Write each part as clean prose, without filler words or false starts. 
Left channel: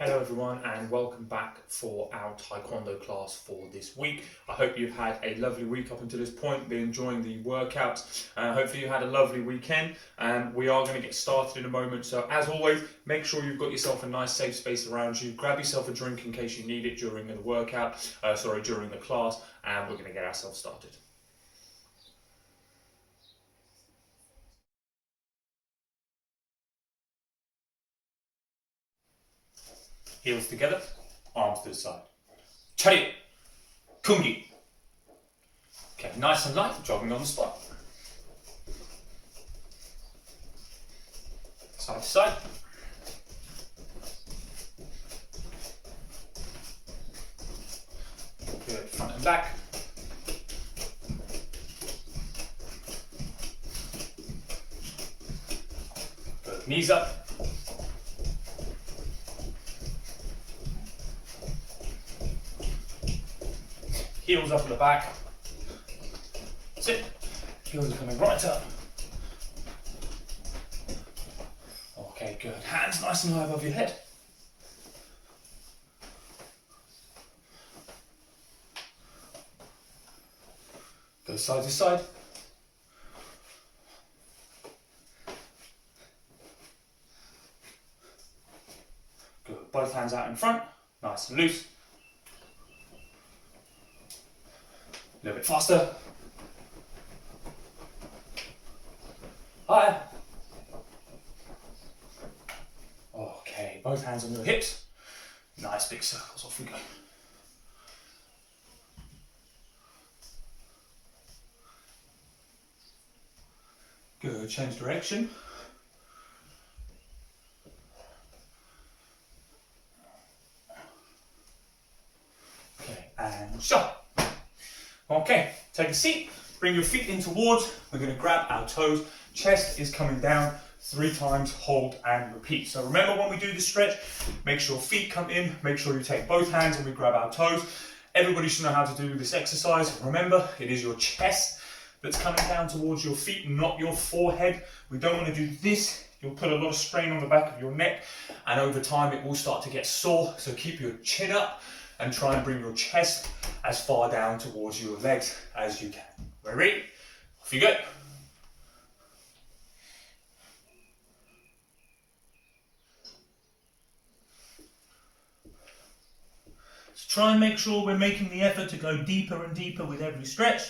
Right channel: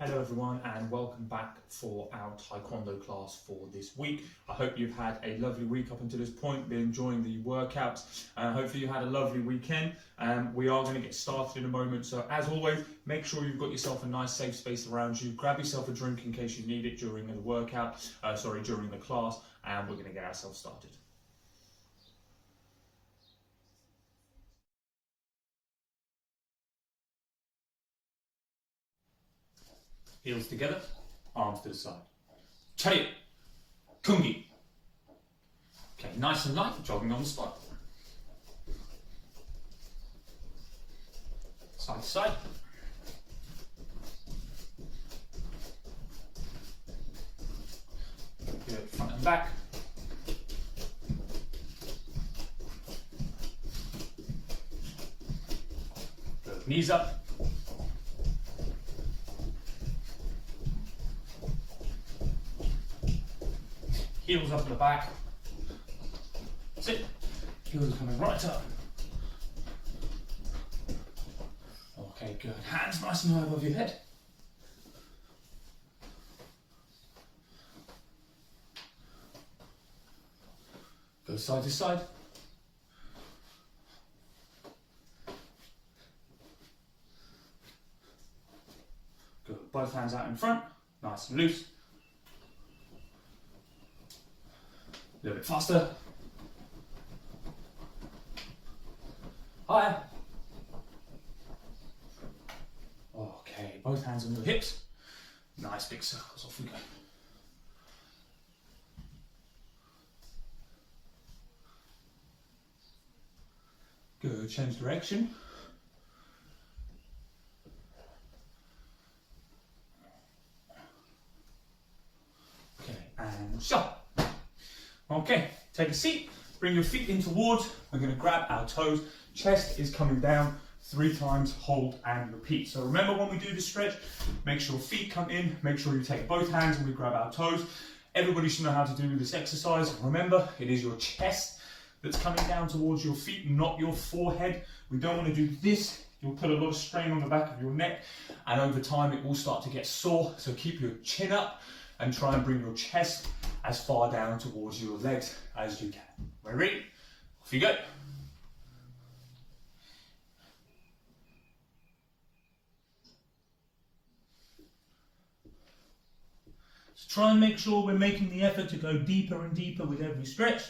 Hello everyone and welcome back for our Taekwondo class for this week. I hope you've had a lovely week up until this point, been enjoying the workouts. Hopefully you had a lovely weekend. We are going to get started in a moment, so as always, make sure you've got yourself a nice safe space around you. Grab yourself a drink in case you need it during the during the class, and we're going to get ourselves started. Heels together, arms to the side. Chariot, kungi. Okay, nice and light, jogging on the spot. Side to side. Good, front and back. Good, knees up. Heels up at the back. Sit. Heels are coming right up. Okay, good. Hands nice and high above your head. Go side to side. Good. Both hands out in front. Nice and loose. A little bit faster. Higher. Okay, both hands on your hips. Nice big circles, off we go. Good, change direction. Okay, and shot. Okay, take a seat, bring your feet in towards, we're going to grab our toes, chest is coming down 3 times, hold and repeat. So remember when we do this stretch, make sure feet come in, make sure you take both hands and we grab our toes. Everybody should know how to do this exercise. Remember, it is your chest that's coming down towards your feet, not your forehead. We don't want to do this. You'll put a lot of strain on the back of your neck and over time it will start to get sore. So keep your chin up and try and bring your chest as far down towards your legs as you can. Ready? Off you go. So try and make sure we're making the effort to go deeper and deeper with every stretch.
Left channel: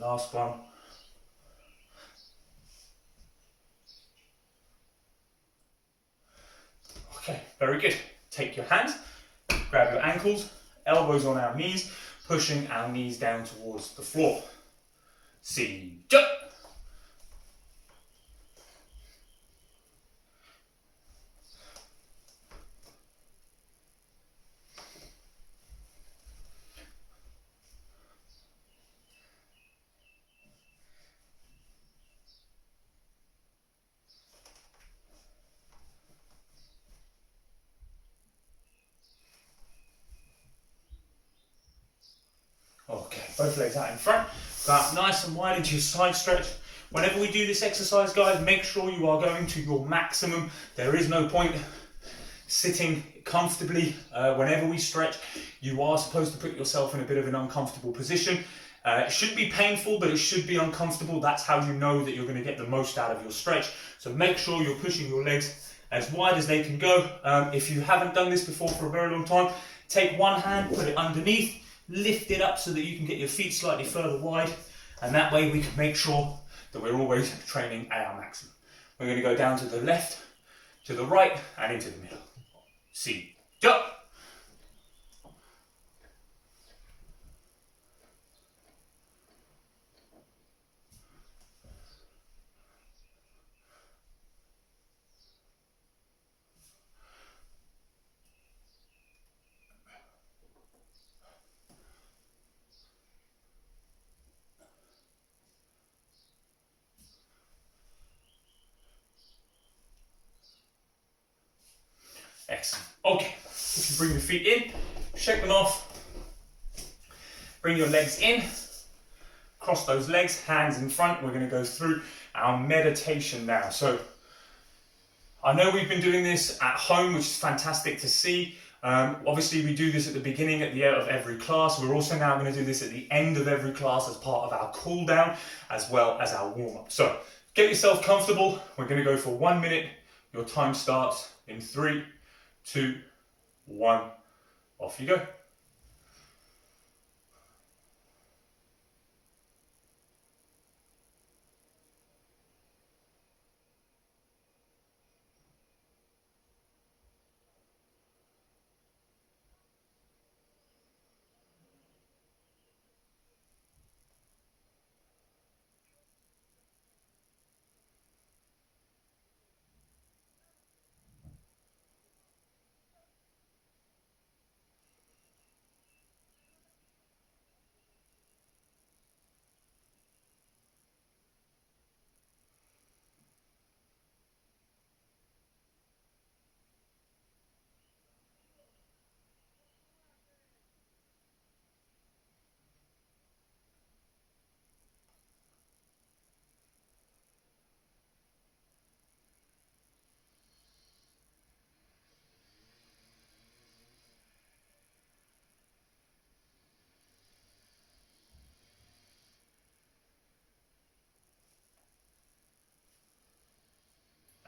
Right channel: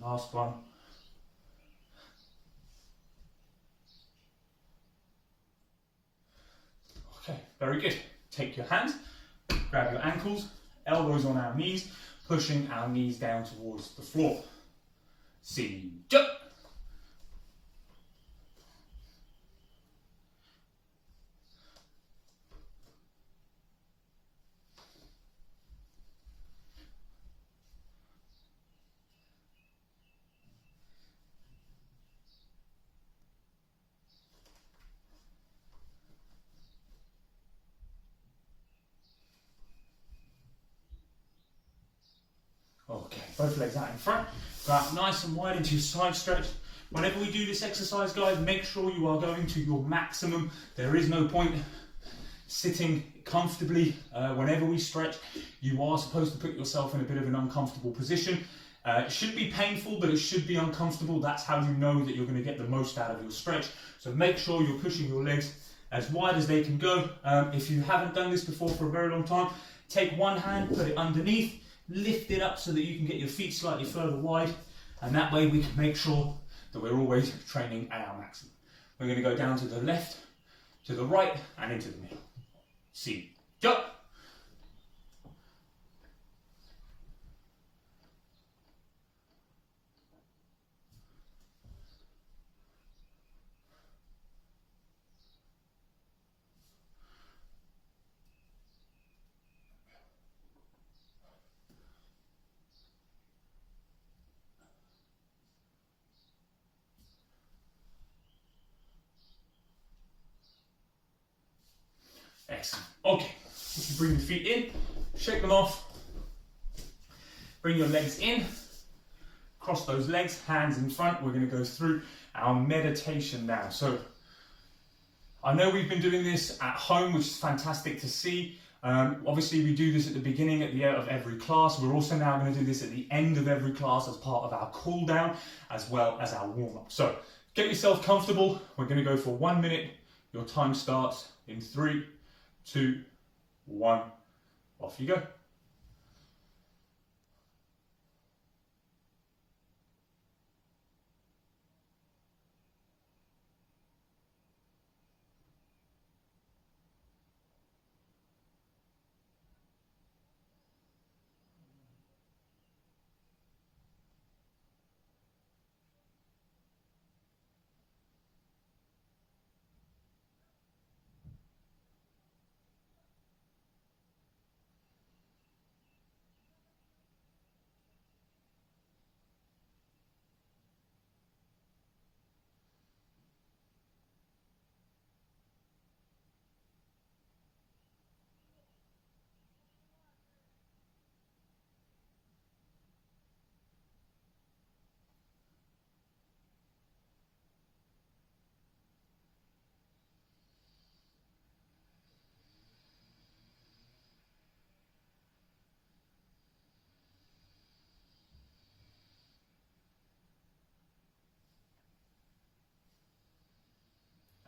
Last one. Okay, very good. Take your hands, grab your ankles, elbows on our knees, pushing our knees down towards the floor. See, jump. Okay, both legs out in front, go out nice and wide into your side stretch. Whenever we do this exercise, guys, make sure you are going to your maximum. There is no point sitting comfortably. Whenever we stretch, you are supposed to put yourself in a bit of an uncomfortable position. It should be painful, but it should be uncomfortable. That's how you know that you're going to get the most out of your stretch. So make sure you're pushing your legs as wide as they can go. If you haven't done this before for a very long time, take one hand, put it underneath, lift it up so that you can get your feet slightly further wide, and that way we can make sure that we're always training at our maximum. We're going to go down to the left, to the right, and into the middle. See, jump. Excellent. Okay, if you bring your feet in, shake them off, Bring your legs in, cross those legs, hands in front. We're going to go through our meditation now. So I know we've been doing this at home, which is fantastic to see. Obviously we do this at the beginning, at the end of every class. We're also now going to do this at the end of every class as part of our cool down, as well as our warm up. So get yourself comfortable. We're going to go for 1 minute. Your time starts in 3, 2, 1. Off you go.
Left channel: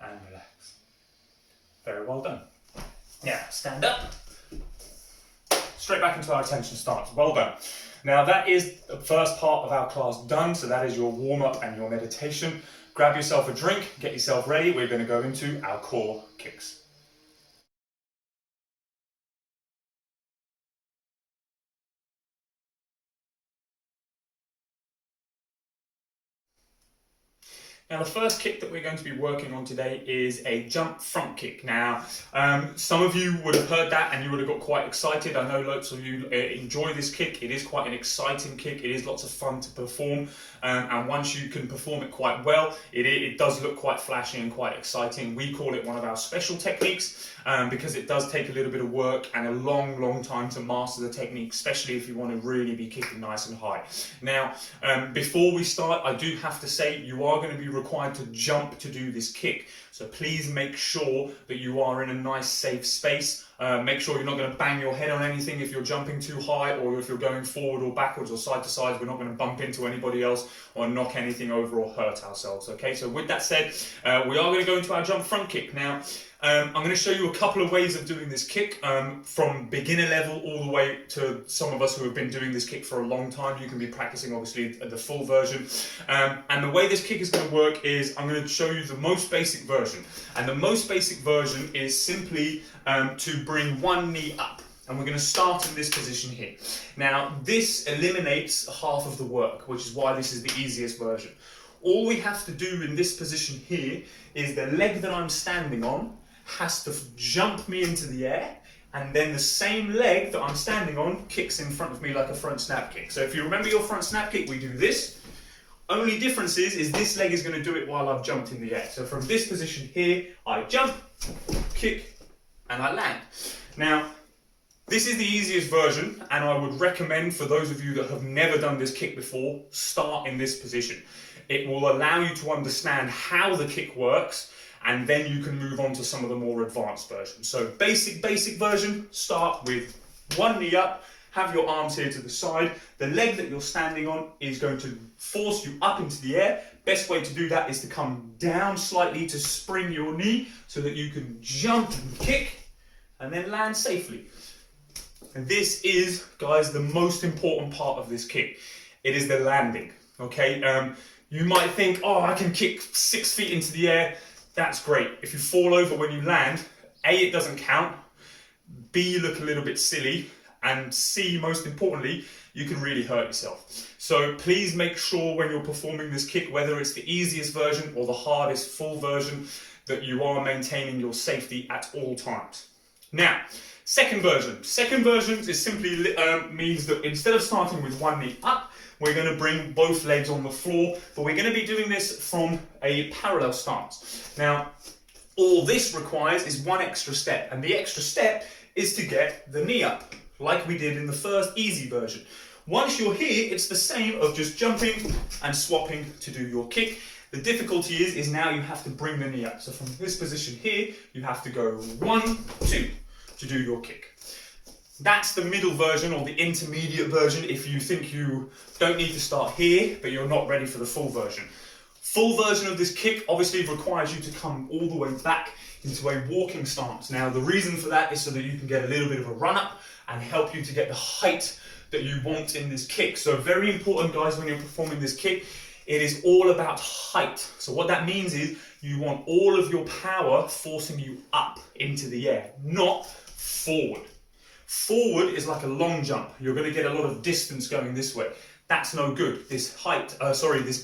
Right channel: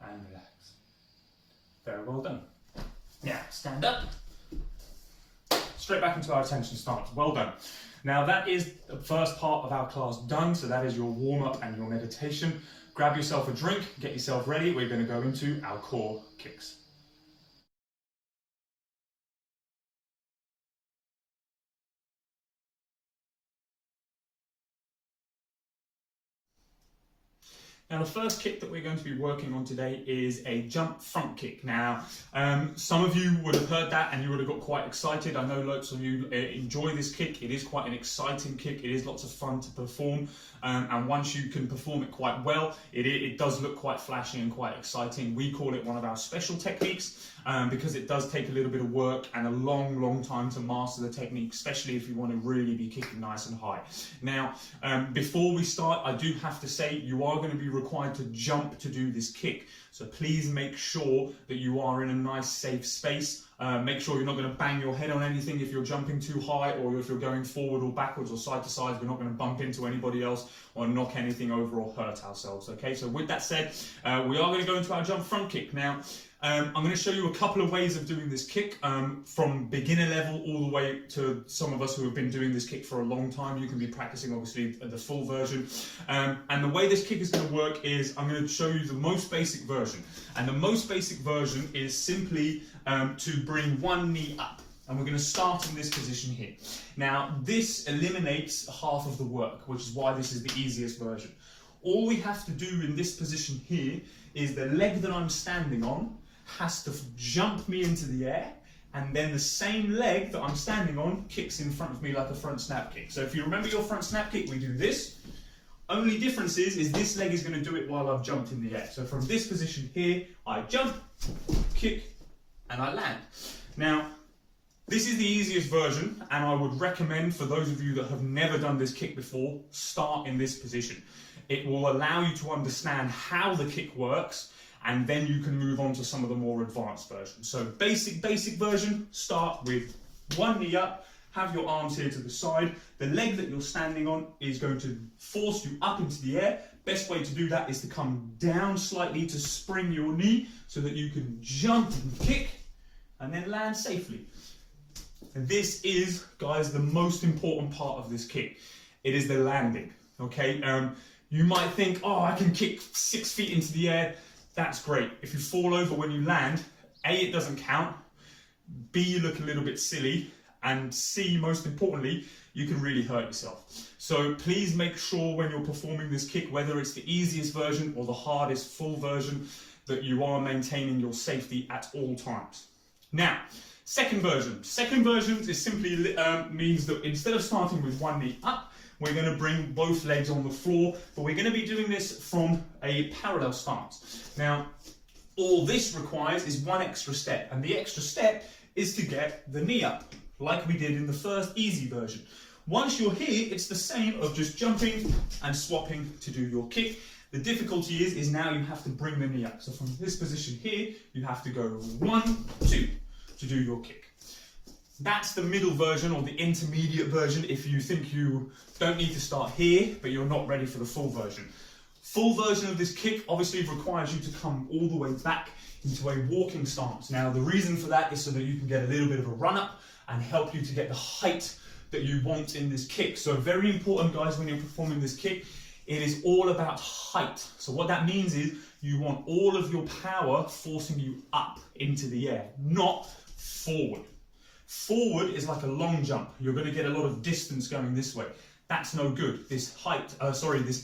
And relax. Very well done. Now, stand up. Straight back into our attention stance. Well done. Now, that is the first part of our class done. So that is your warm-up and your meditation. Grab yourself a drink, get yourself ready. We're going to go into our core kicks. Now the first kick that we're going to be working on today is a jump front kick. Now, some of you would have heard that and you would have got quite excited. I know lots of you enjoy this kick. It is quite an exciting kick. It is lots of fun to perform. And once you can perform it quite well, it does look quite flashy and quite exciting. We call it one of our special techniques because it does take a little bit of work and a long time to master the technique, especially if you want to really be kicking nice and high. Now, before we start, I do have to say you are going to be required to jump to do this kick. So please make sure that you are in a nice safe space. Make sure you're not going to bang your head on anything if you're jumping too high, or if you're going forward or backwards or side to side. We're not going to bump into anybody else or knock anything over or hurt ourselves. Okay, so with that said, we are going to go into our jump front kick. Now, I'm going to show you a couple of ways of doing this kick, from beginner level all the way to some of us who have been doing this kick for a long time. You can be practicing obviously the full version. And the way this kick is going to work is I'm going to show you the most basic version. And the most basic version is simply to bring one knee up. And we're going to start in this position here. Now, this eliminates half of the work, which is why this is the easiest version. All we have to do in this position here is the leg that I'm standing on has to jump me into the air, and then the same leg that I'm standing on kicks in front of me like a front snap kick. So if you remember your front snap kick, we do this. Only difference is this leg is going to do it while I've jumped in the air. So from this position here, I jump, kick, and I land. Now, this is the easiest version, and I would recommend for those of you that have never done this kick before, start in this position. It will allow you to understand how the kick works, and then you can move on to some of the more advanced versions. So basic version, start with one knee up, have your arms here to the side. The leg that you're standing on is going to force you up into the air. Best way to do that is to come down slightly to spring your knee so that you can jump and kick and then land safely. And this is, guys, the most important part of this kick. It is the landing, okay? You might think, oh, I can kick 6 feet into the air. That's great. If you fall over when you land, A, it doesn't count, B, you look a little bit silly, and C, most importantly, you can really hurt yourself. So please make sure when you're performing this kick, whether it's the easiest version or the hardest full version, that you are maintaining your safety at all times. Now, second version. Second version is simply means that instead of starting with one knee up, we're going to bring both legs on the floor, but we're going to be doing this from a parallel stance. Now, all this requires is one extra step, and the extra step is to get the knee up, like we did in the first easy version. Once you're here, it's the same of just jumping and swapping to do your kick. The difficulty is now you have to bring the knee up. So from this position here, you have to go 1, 2 to do your kick. That's the middle version or the intermediate version if you think you don't need to start here, but you're not ready for the full version. Full version of this kick obviously requires you to come all the way back into a walking stance. Now, the reason for that is so that you can get a little bit of a run up and help you to get the height that you want in this kick. So very important, guys, when you're performing this kick, it is all about height. So what that means is you want all of your power forcing you up into the air, not forward. Forward is like a long jump. You're going to get a lot of distance going this way. That's no good. This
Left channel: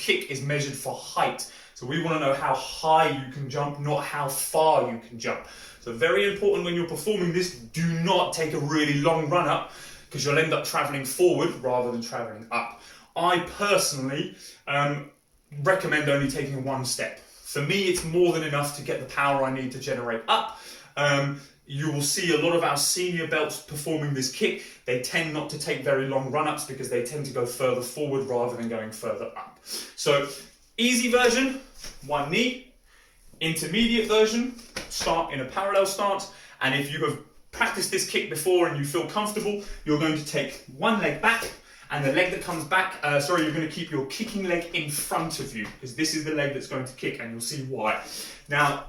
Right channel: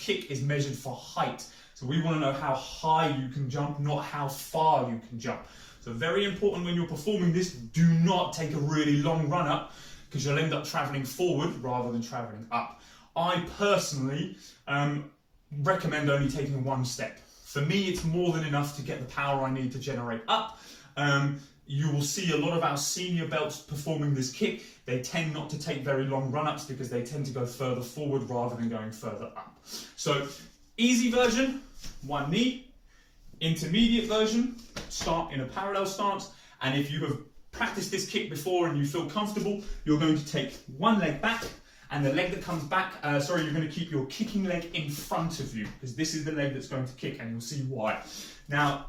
kick is measured for height. So we want to know how high you can jump, not how far you can jump. So very important when you're performing this, do not take a really long run up because you'll end up traveling forward rather than traveling up. I personally recommend only taking one step. For me, it's more than enough to get the power I need to generate up. You will see a lot of our senior belts performing this kick. They tend not to take very long run-ups because they tend to go further forward rather than going further up. So, easy version, one knee. Intermediate version, start in a parallel stance. And if you have practiced this kick before and you feel comfortable, you're going to take one leg back, and the leg that comes back, you're going to keep your kicking leg in front of you because this is the leg that's going to kick, and you'll see why. Now,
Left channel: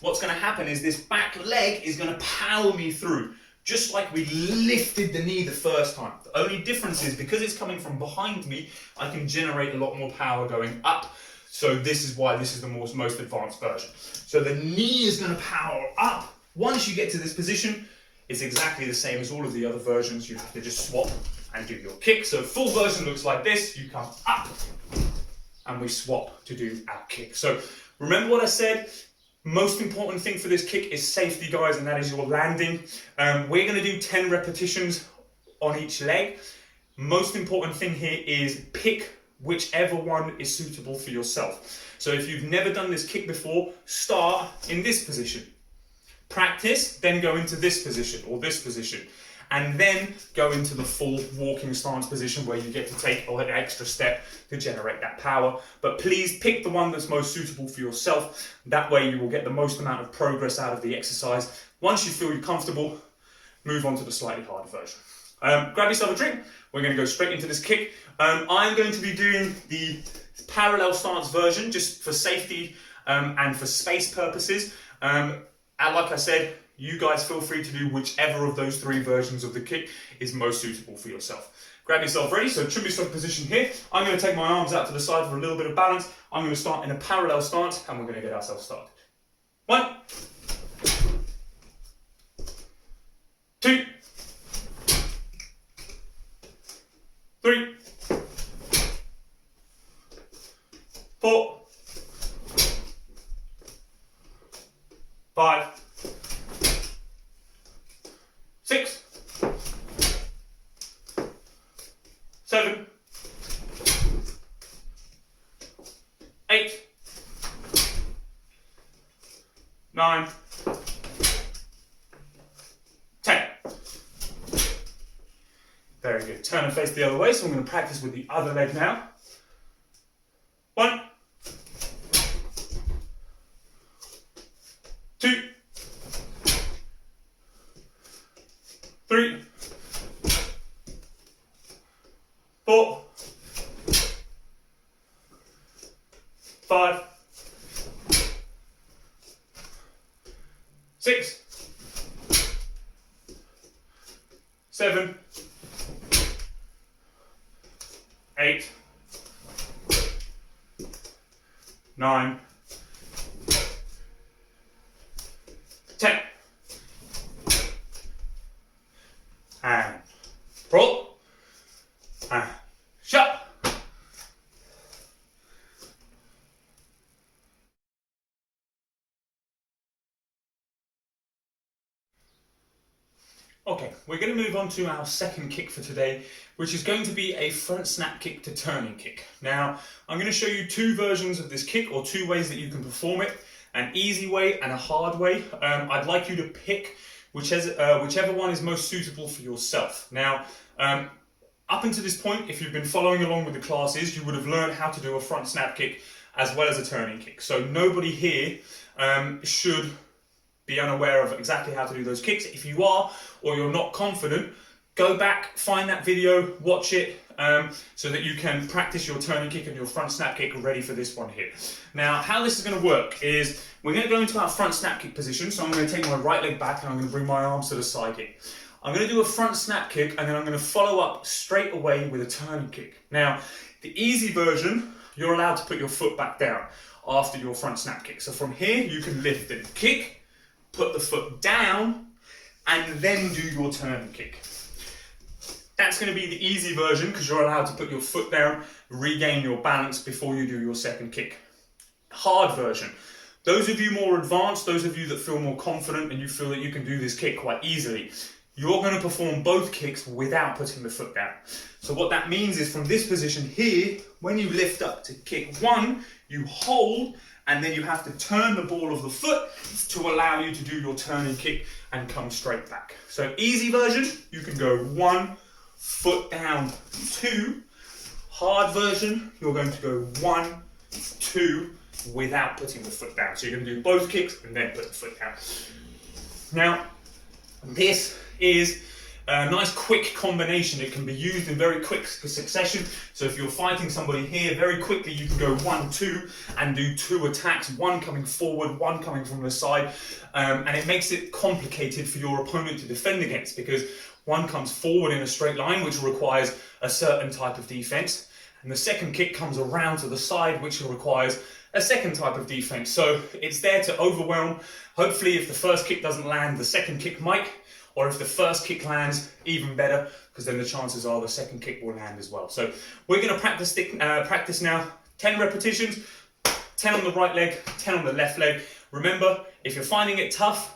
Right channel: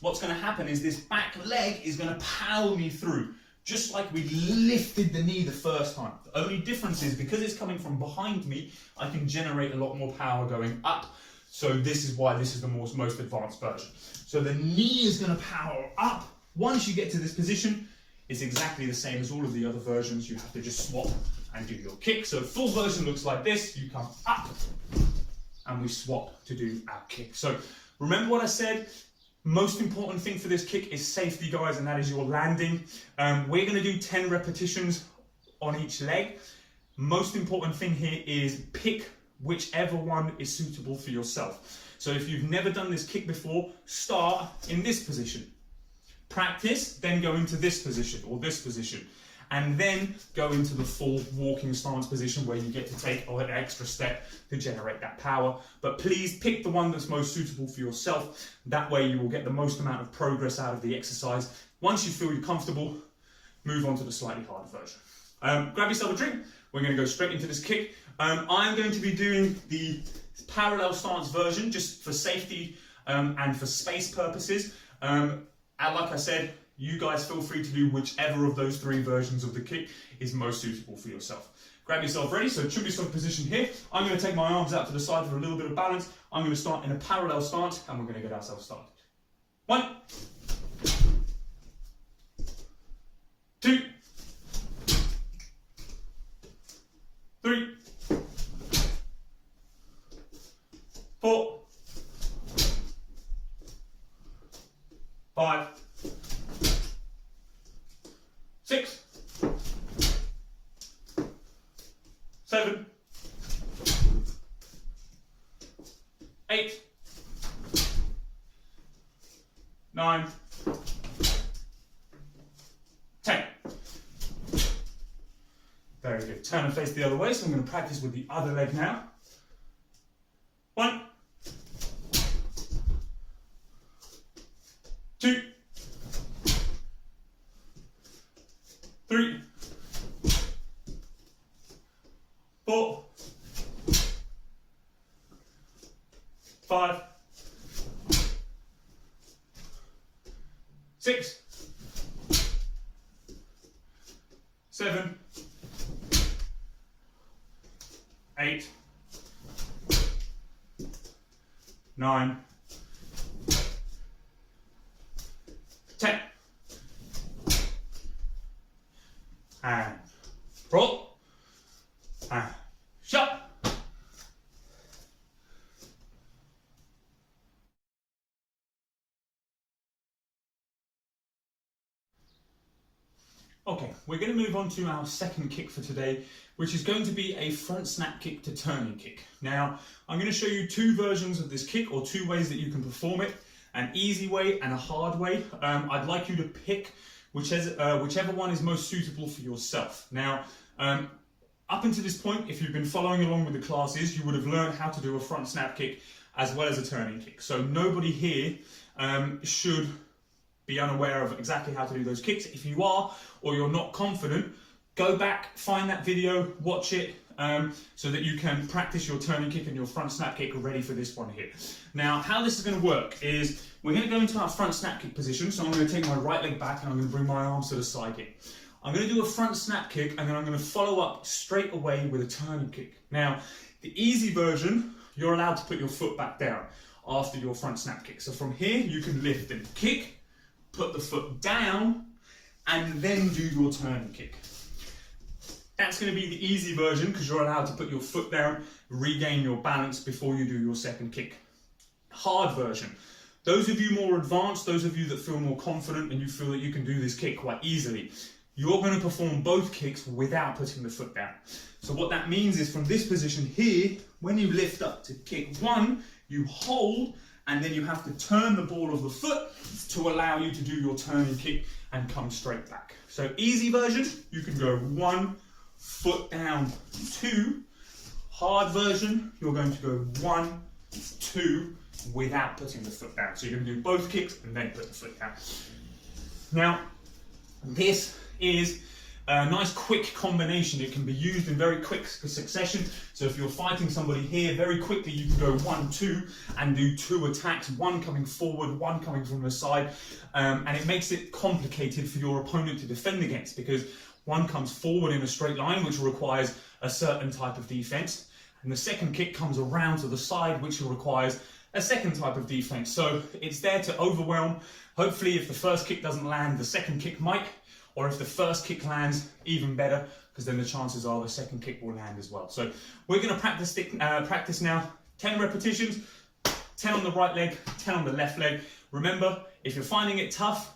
what's going to happen is this back leg is going to power me through, just like we lifted the knee the first time. The only difference is because it's coming from behind me, I can generate a lot more power going up. So this is why this is the most advanced version. So the knee is going to power up. Once you get to this position, it's exactly the same as all of the other versions. You have to just swap and do your kick. So full version looks like this. You come up and we swap to do our kick. So remember what I said? Most important thing for this kick is safety, guys, and that is your landing. We're going to do 10 repetitions on each leg. Most important thing here is pick whichever one is suitable for yourself. So if you've never done this kick before, start in this position. Practice, then go into this position or this position, and then go into the full walking stance position where you get to take an extra step to generate that power. But please pick the one that's most suitable for yourself. That way you will get the most amount of progress out of the exercise. Once you feel you're comfortable, move on to the slightly harder version. Grab yourself a drink. We're going to go straight into this kick. I'm going to be doing the parallel stance version just for safety and for space purposes. And like I said, you guys feel free to do whichever of those 3 versions of the kick is most suitable for yourself. Grab yourself ready, so trim yourself position here. I'm going to take my arms out to the side for a little bit of balance. I'm going to start in a parallel stance and we're going to get ourselves started. 1, 2, 3, 4, 5, 6, 7, 8, 9, 10. Very good. Turn and face the other way, so I'm going to practice with the other leg now. 1, 2, 3, 4, 5, 6, 7, 8, 9, 10. And pull. And shut. Okay, we're going to move on to our second kick for today, which is going to be a front snap kick to turning kick. Now, I'm going to show you 2 versions of this kick, or 2 ways that you can perform it, an easy way and a hard way. I'd like you to pick whichever one is most suitable for yourself. Now, up until this point, if you've been following along with the classes, you would have learned how to do a front snap kick as well as a turning kick. So nobody here should be unaware of exactly how to do those kicks. If you are, or you're not confident, go back, find that video, watch it, so that you can practice your turning kick and your front snap kick ready for this one here. Now, how this is going to work is we're going to go into our front snap kick position. So I'm going to take my right leg back and I'm going to bring my arms to the side here. I'm going to do a front snap kick and then I'm going to follow up straight away with a turning kick. Now, the easy version, you're allowed to put your foot back down after your front snap kick. So from here, you can lift and kick, put the foot down, and then do your turning kick. That's going to be the easy version because you're allowed to put your foot down, regain your balance before you do your second kick. Hard version. Those of you more advanced, those of you that feel more confident and you feel that you can do this kick quite easily, you're going to perform both kicks without putting the foot down. So what that means is from this position here, when you lift up to kick one, you hold and then you have to turn the ball of the foot to allow you to do your turning kick and come straight back. So easy version, you can go one, foot down, two. Hard version, you're going to go one, two, without putting the foot down. So you're going to do both kicks and then put the foot down. Now, this is a nice quick combination. It can be used in very quick succession. So if you're fighting somebody here, very quickly you can go 1, 2 and do 2 attacks, one coming forward, one coming from the side. And it makes it complicated for your opponent to defend against because one comes forward in a straight line, which requires a certain type of defense. And the second kick comes around to the side, which requires a second type of defense. So it's there to overwhelm. Hopefully, if the first kick doesn't land, the second kick might. Or if the first kick lands, even better, because then the chances are the second kick will land as well. So we're going to practice now. 10 repetitions, 10 on the right leg, 10 on the left leg. Remember, if you're finding it tough,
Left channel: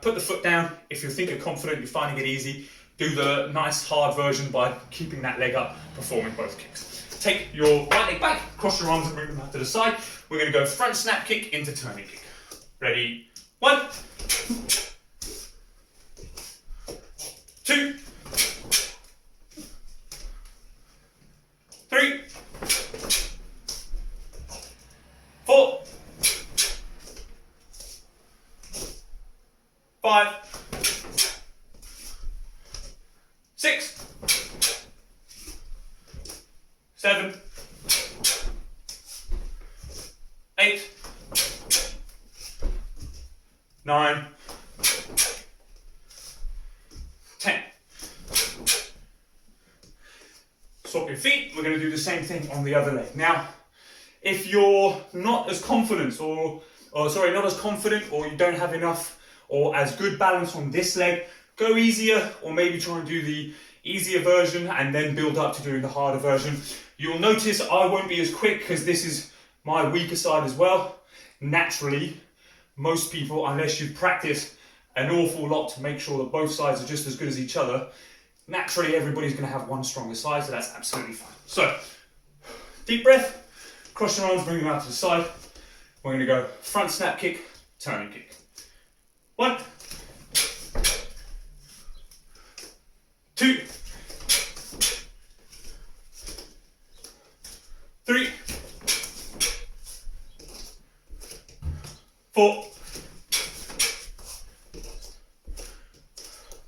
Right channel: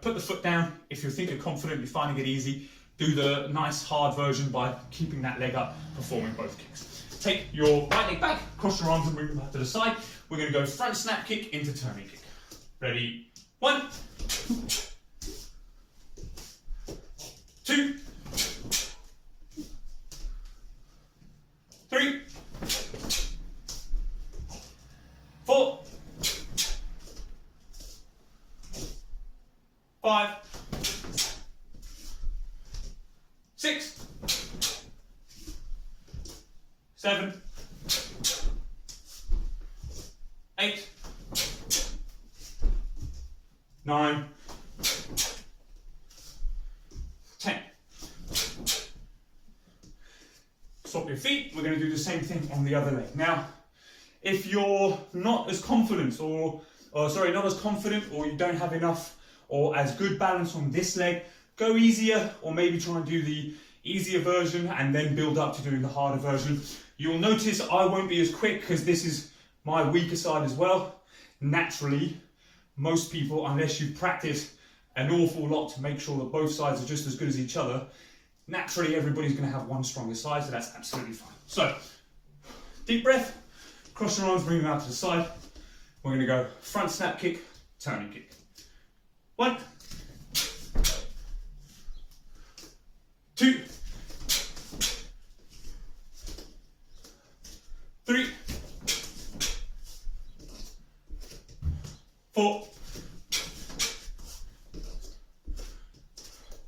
put the foot down. If you think you're confident, you're finding it easy, do the nice hard version by keeping that leg up, performing both kicks. Take your right leg back, cross your arms and bring them out to the side. We're going to go front snap kick into turning kick. Ready? 1, 2, 3, 4, 5, 6, 7, 8, 9, 10. Swap your feet. We're going to do the same thing on the other leg. Now, if you're not as confident or you don't have enough or as good balance on this leg, go easier or maybe try and do the easier version and then build up to doing the harder version. You'll notice I won't be as quick because this is my weaker side as well. Naturally, most people, unless you've practiced an awful lot to make sure that both sides are just as good as each other, naturally everybody's going to have one stronger side, so that's absolutely fine. So, deep breath, cross your arms, bring them out to the side. We're going to go front snap kick, turning kick. 1, 2, 3, 4,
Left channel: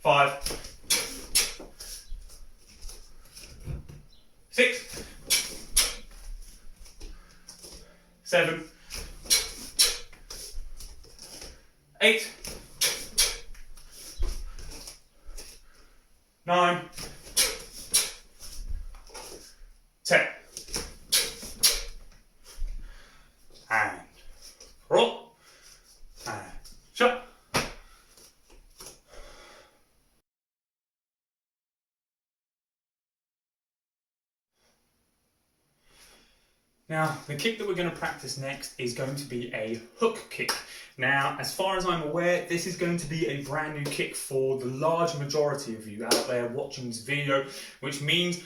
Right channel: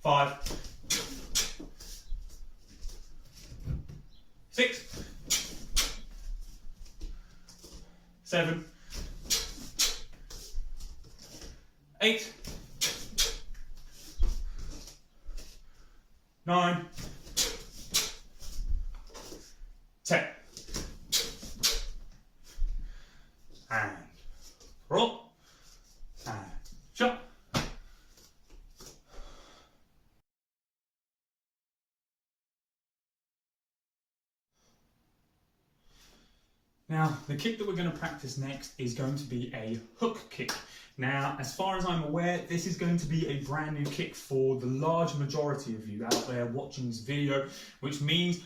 5, 6, 7, 8, 9, 10. And roll. And shut. Now, the kick that we're going to practice next is going to be a hook kick. Now, as far as I'm aware, this is going to be a brand new kick for the large majority of you out there watching this video, which means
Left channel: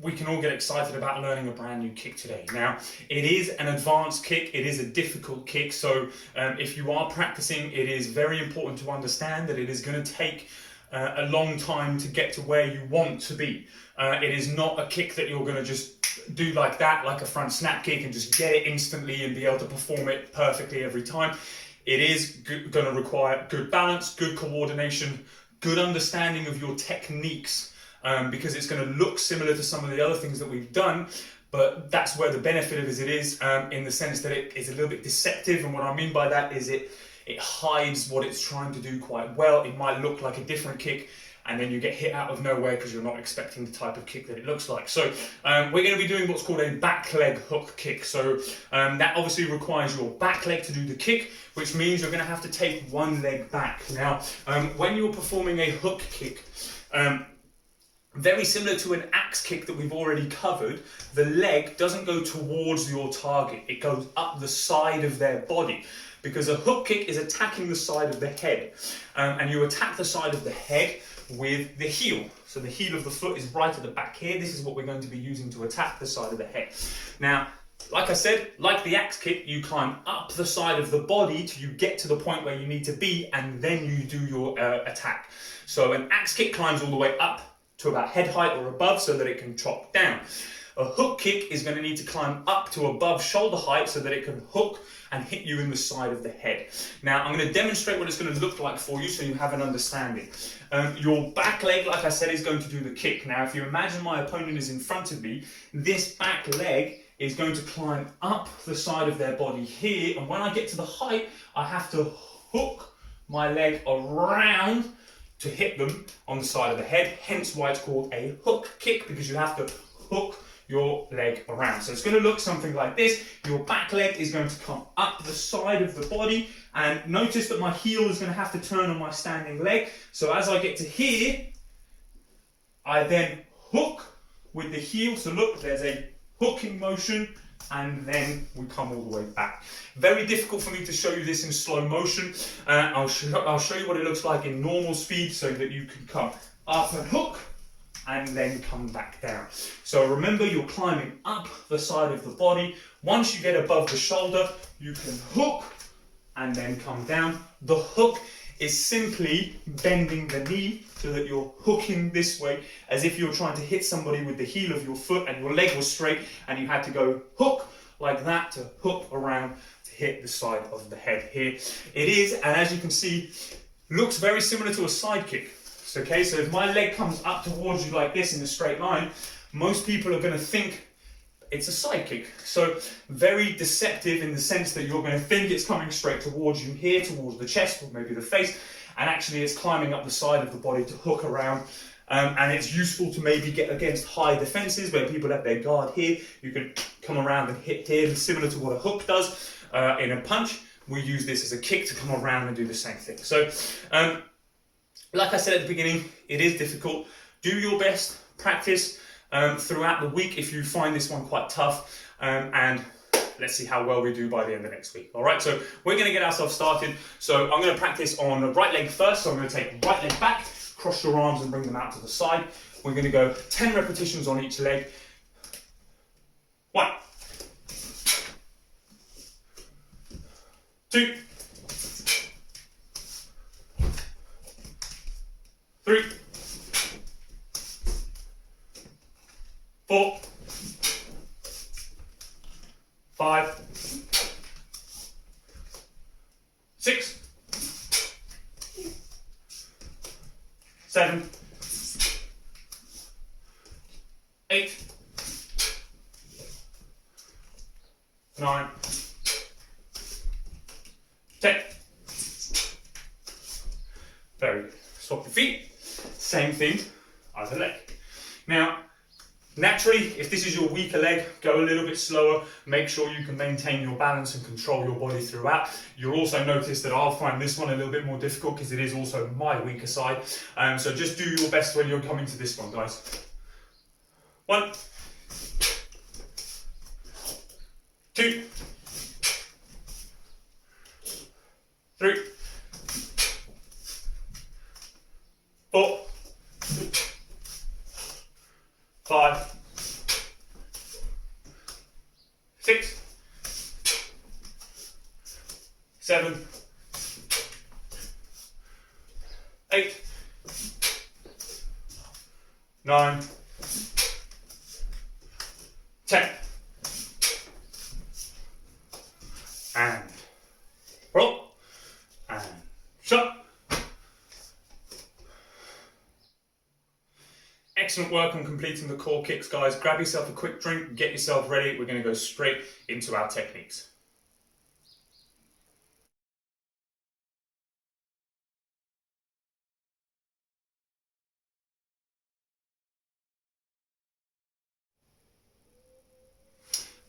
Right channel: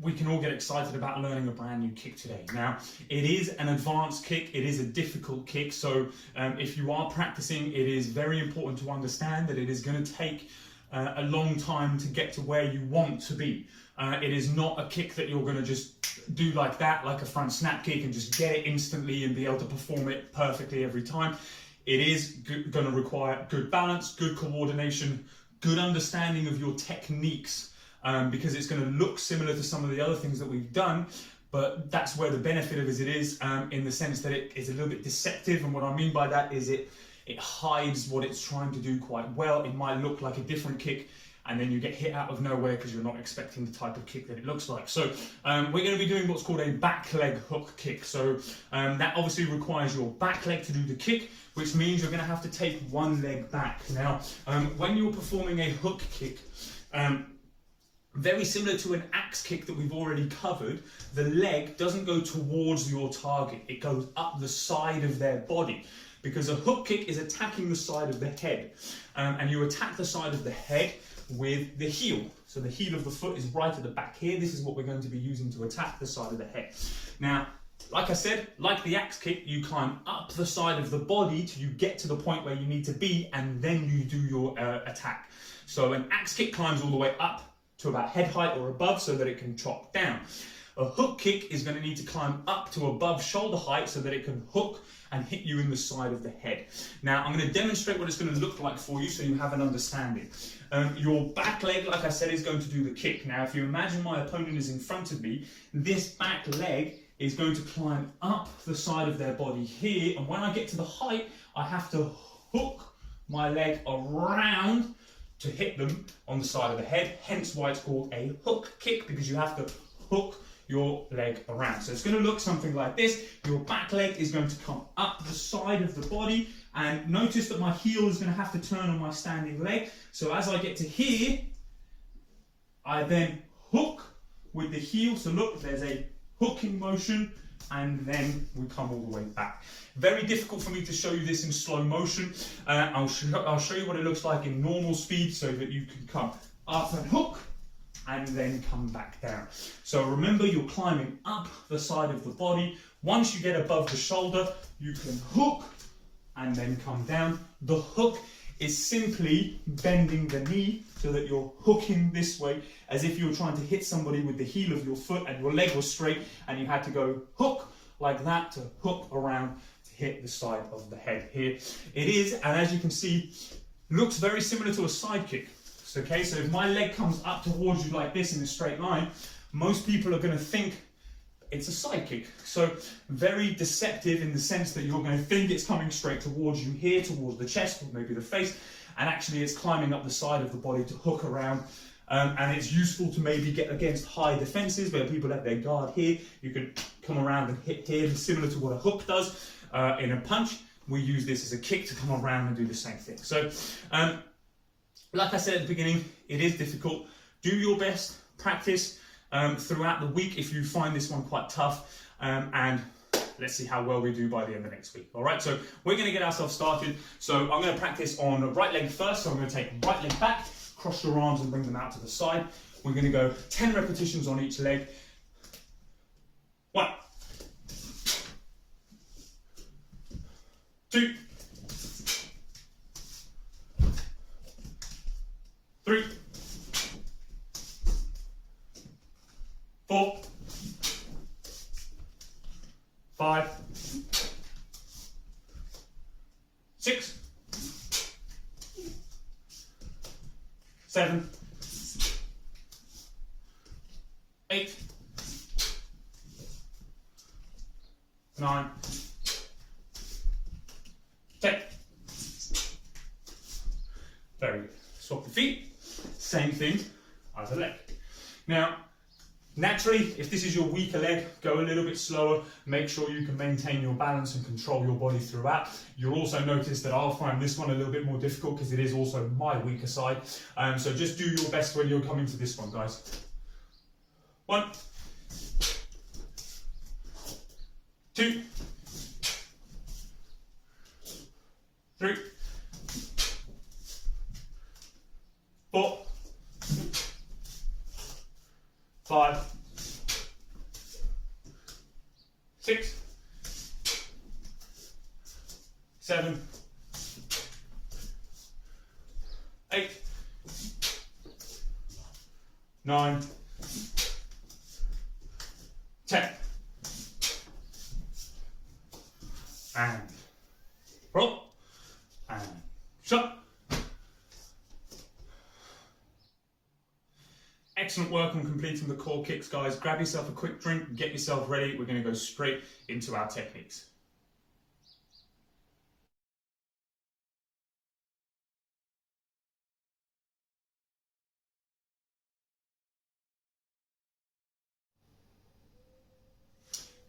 we can all get excited about learning a brand new kick today. Now, it is an advanced kick, it is a difficult kick, so if you are practicing, it is very important to understand that it is going to take a long time to get to where you want to be. It is not a kick that you're going to just do like that, like a front snap kick, and just get it instantly and be able to perform it perfectly every time. It is going to require good balance, good coordination, good understanding of your techniques, because it's going to look similar to some of the other things that we've done, but that's where the benefit of it is, in the sense that it is a little bit deceptive. And what I mean by that is it hides what it's trying to do quite well. It might look like a different kick, and then you get hit out of nowhere because you're not expecting the type of kick that it looks like. So we're going to be doing what's called a back leg hook kick. So that obviously requires your back leg to do the kick, which means you're going to have to take one leg back. Now, when you're performing a hook kick, very similar to an axe kick that we've already covered, the leg doesn't go towards your target. It goes up the side of their body, because a hook kick is attacking the side of the head, and you attack the side of the head with the heel. So the heel of the foot is right at the back here. This is what we're going to be using to attack the side of the head. Now, like I said, like the axe kick, you climb up the side of the body till you get to the point where you need to be, and then you do your attack. So an axe kick climbs all the way up to about head height or above so that it can chop down. A hook kick is going to need to climb up to above shoulder height so that it can hook and hit you in the side of the head. Now, I'm going to demonstrate what it's going to look like for you so you have an understanding. Your back leg, like I said, is going to do the kick. Now, if you imagine my opponent is in front of me, this back leg is going to climb up the side of their body here, and when I get to the height, I have to hook my leg around to hit them on the side of the head, hence why it's called a hook kick, because you have to hook your leg around. So it's going to look something like this. Your back leg is going to come up the side of the body, and notice that my heel is going to have to turn on my standing leg. So as I get to here, I then hook with the heel. So look, there's a hooking motion, and then we come all the way back. Very difficult for me to show you this in slow motion. I'll show you what it looks like in normal speed so that you can come up and hook, and then come back down. So remember, you're climbing up the side of the body. Once you get above the shoulder, you can hook and then come down. The hook is simply bending the knee so that you're hooking this way, as if you're trying to hit somebody with the heel of your foot and your leg was straight and you had to go hook like that to hook around to hit the side of the head here. It is, and as you can see, looks very similar to a side kick. Okay, so if my leg comes up towards you like this in a straight line, most people are going to think it's a side kick. So very deceptive in the sense that you're going to think it's coming straight towards you here, towards the chest or maybe the face, and actually it's climbing up the side of the body to hook around. And it's useful to maybe get against high defenses where people have their guard here. You can come around and hit here, similar to what a hook does in a punch. We use this as a kick to come around and do the same thing. So, like I said at the beginning, it is difficult. Do your best, practice throughout the week if you find this one quite tough, and let's see how well we do by the end of next week. All right, so we're going to get ourselves started. So I'm going to practice on the right leg first. So I'm going to take right leg back, cross your arms and bring them out to the side. We're going to go 10 repetitions on each leg. 1, 2, 3, 4, 5, 6, 7, 8, 9, 10. Very good. Swap the feet. Same thing, other leg. Now, naturally, if this is your weaker leg, go a little bit slower. Make sure you can maintain your balance and control your body throughout. You'll also notice that I'll find this one a little bit more difficult because it is also my weaker side. So just do your best when you're coming to this one, guys. 1, 2, 3, 4, 5, 6, 7, 8, 9, 10. And roll. And shut. Excellent work on completing the core kicks, guys. Grab yourself a quick drink, get yourself ready. We're going to go straight into our techniques.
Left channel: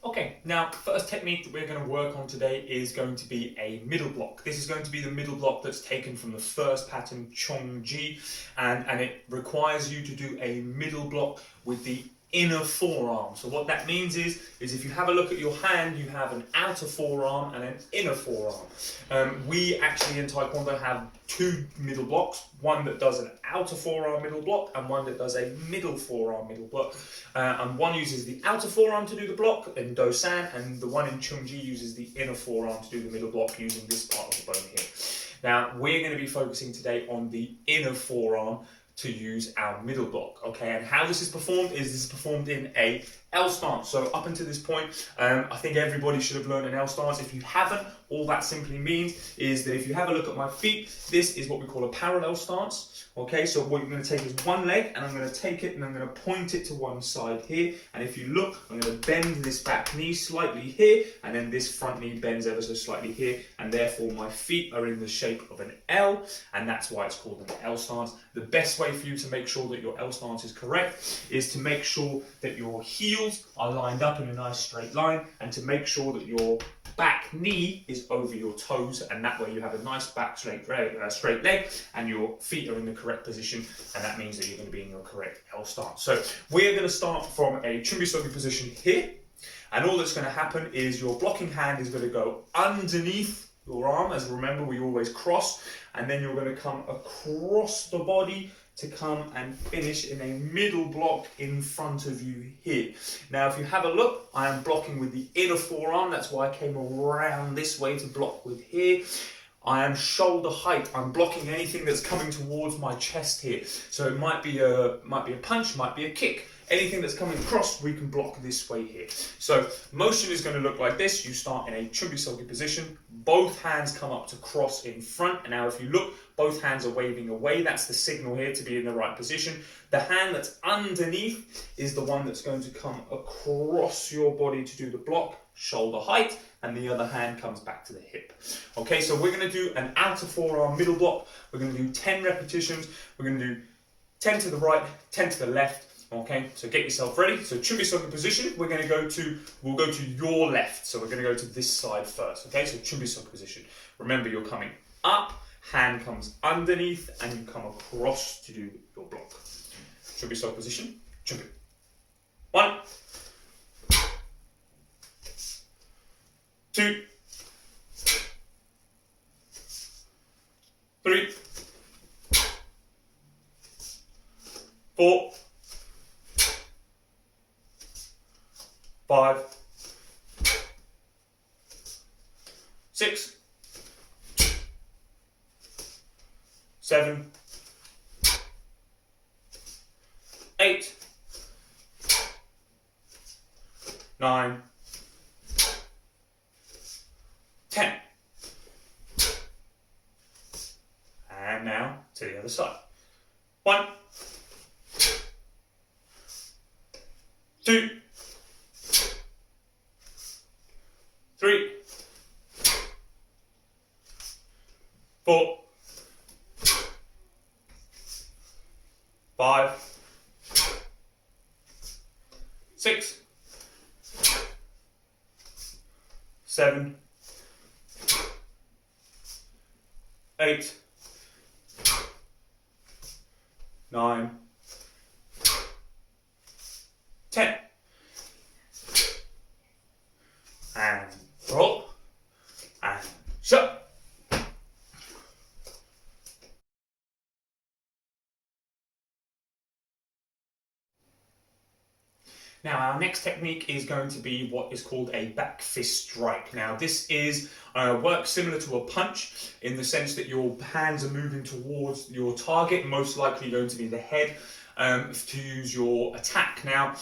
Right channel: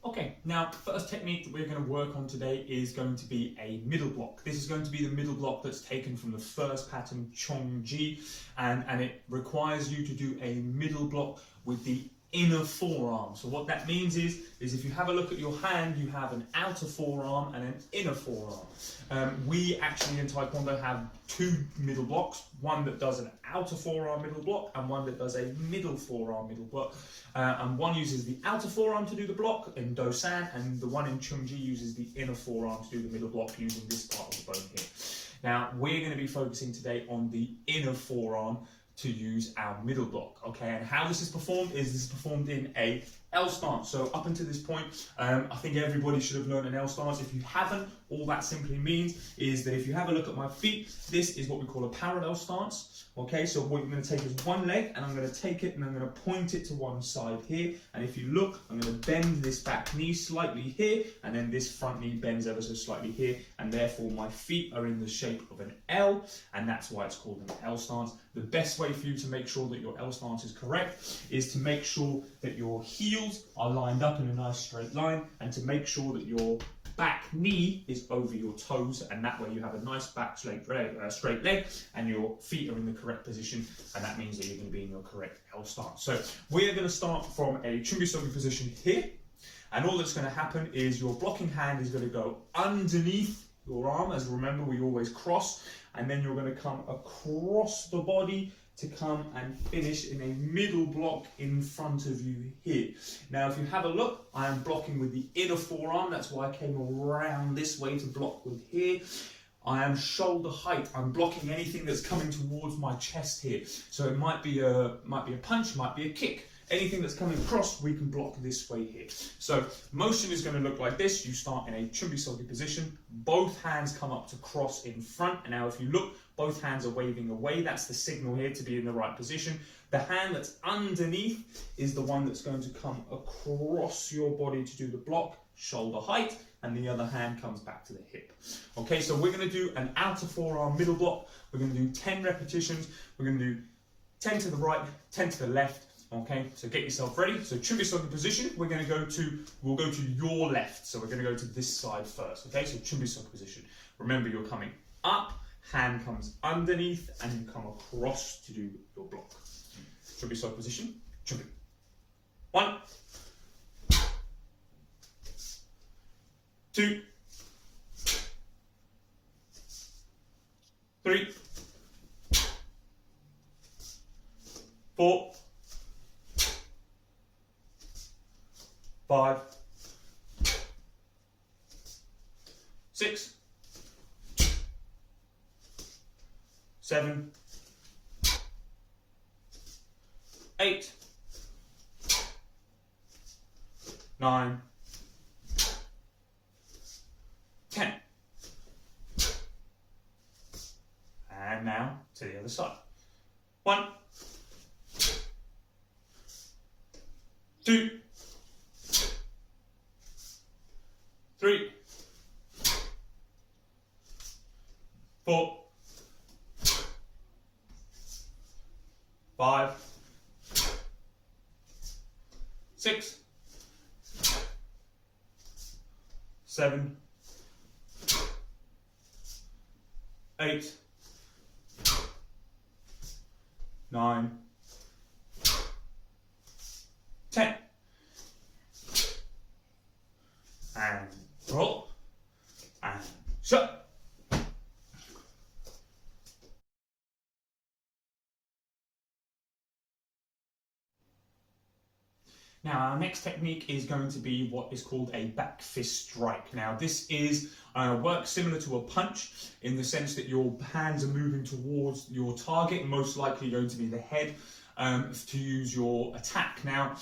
Okay, now the first technique that we're going to work on today is going to be a middle block. This is going to be the middle block that's taken from the first pattern, Chongji, and it requires you to do a middle block with the inner forearm. So what that means is if you have a look at your hand, you have an outer forearm and an inner forearm. We actually in Taekwondo have two middle blocks, one that does an outer forearm middle block and one that does a middle forearm middle block. And one uses the outer forearm to do the block in Dosan, and the one in Chungji uses the inner forearm to do the middle block using this part of the bone here. Now, we're going to be focusing today on the inner forearm to use our middle block, okay? And how this is performed in a L stance. So up until this point, I think everybody should have learned an L stance. If you haven't, all that simply means is that if you have a look at my feet, this is what we call a parallel stance, okay? So what you're going to take is one leg, and I'm going to take it and I'm going to point it to one side here. And if you look, I'm going to bend this back knee slightly here, and then this front knee bends ever so slightly here, and therefore my feet are in the shape of an L, and that's why it's called an L stance. The best way for you to make sure that your L stance is correct is to make sure that your heels are lined up in a nice straight line, and to make sure that your back knee is over your toes, and that way you have a nice back straight leg and your feet are in the correct position, and that means that you're going to be in your correct L stance. So we're going to start from a Chumbisogi position here, and all that's going to happen is your blocking hand is going to go underneath your arm, as remember we always cross, and then you're going to come across the body to come and finish in a middle block in front of you here. Now, if you have a look, I am blocking with the inner forearm. That's why I came around this way to block with here. I am shoulder height. I'm blocking anything that's coming towards my chest here. So it might be a punch, might be a kick. Anything that's coming across, we can block this way here. So motion is going to look like this. You start in a Chumbisogi position. Both hands come up to cross in front. And now if you look, both hands are waving away. That's the signal here to be in the right position. The hand that's underneath is the one that's going to come across your body to do the block, shoulder height, and the other hand comes back to the hip. Okay, so we're going to do an outer forearm middle block. We're going to do 10 repetitions. We're going to do 10 to the right, 10 to the left. Okay, so get yourself ready. So Chumbisogi position, we'll go to your left. So we're going to go to this side first. Okay, so Chumbisogi position. Remember, you're coming up, hand comes underneath, and you come across to do your block. Chumbisogi position, Chumbi. 1, 2, 3, 4, 5, 6, 7, 8, 9, 10. And now to the other side. 1, 2, 3, 4, 5, 6, 7, 8, 9, 10. and pull, and shut. Now our next technique is going to be what is called a back fist strike. Now this is work similar to a punch in the sense that your hands are moving towards your target, most likely going to be the head, to use your attack. Now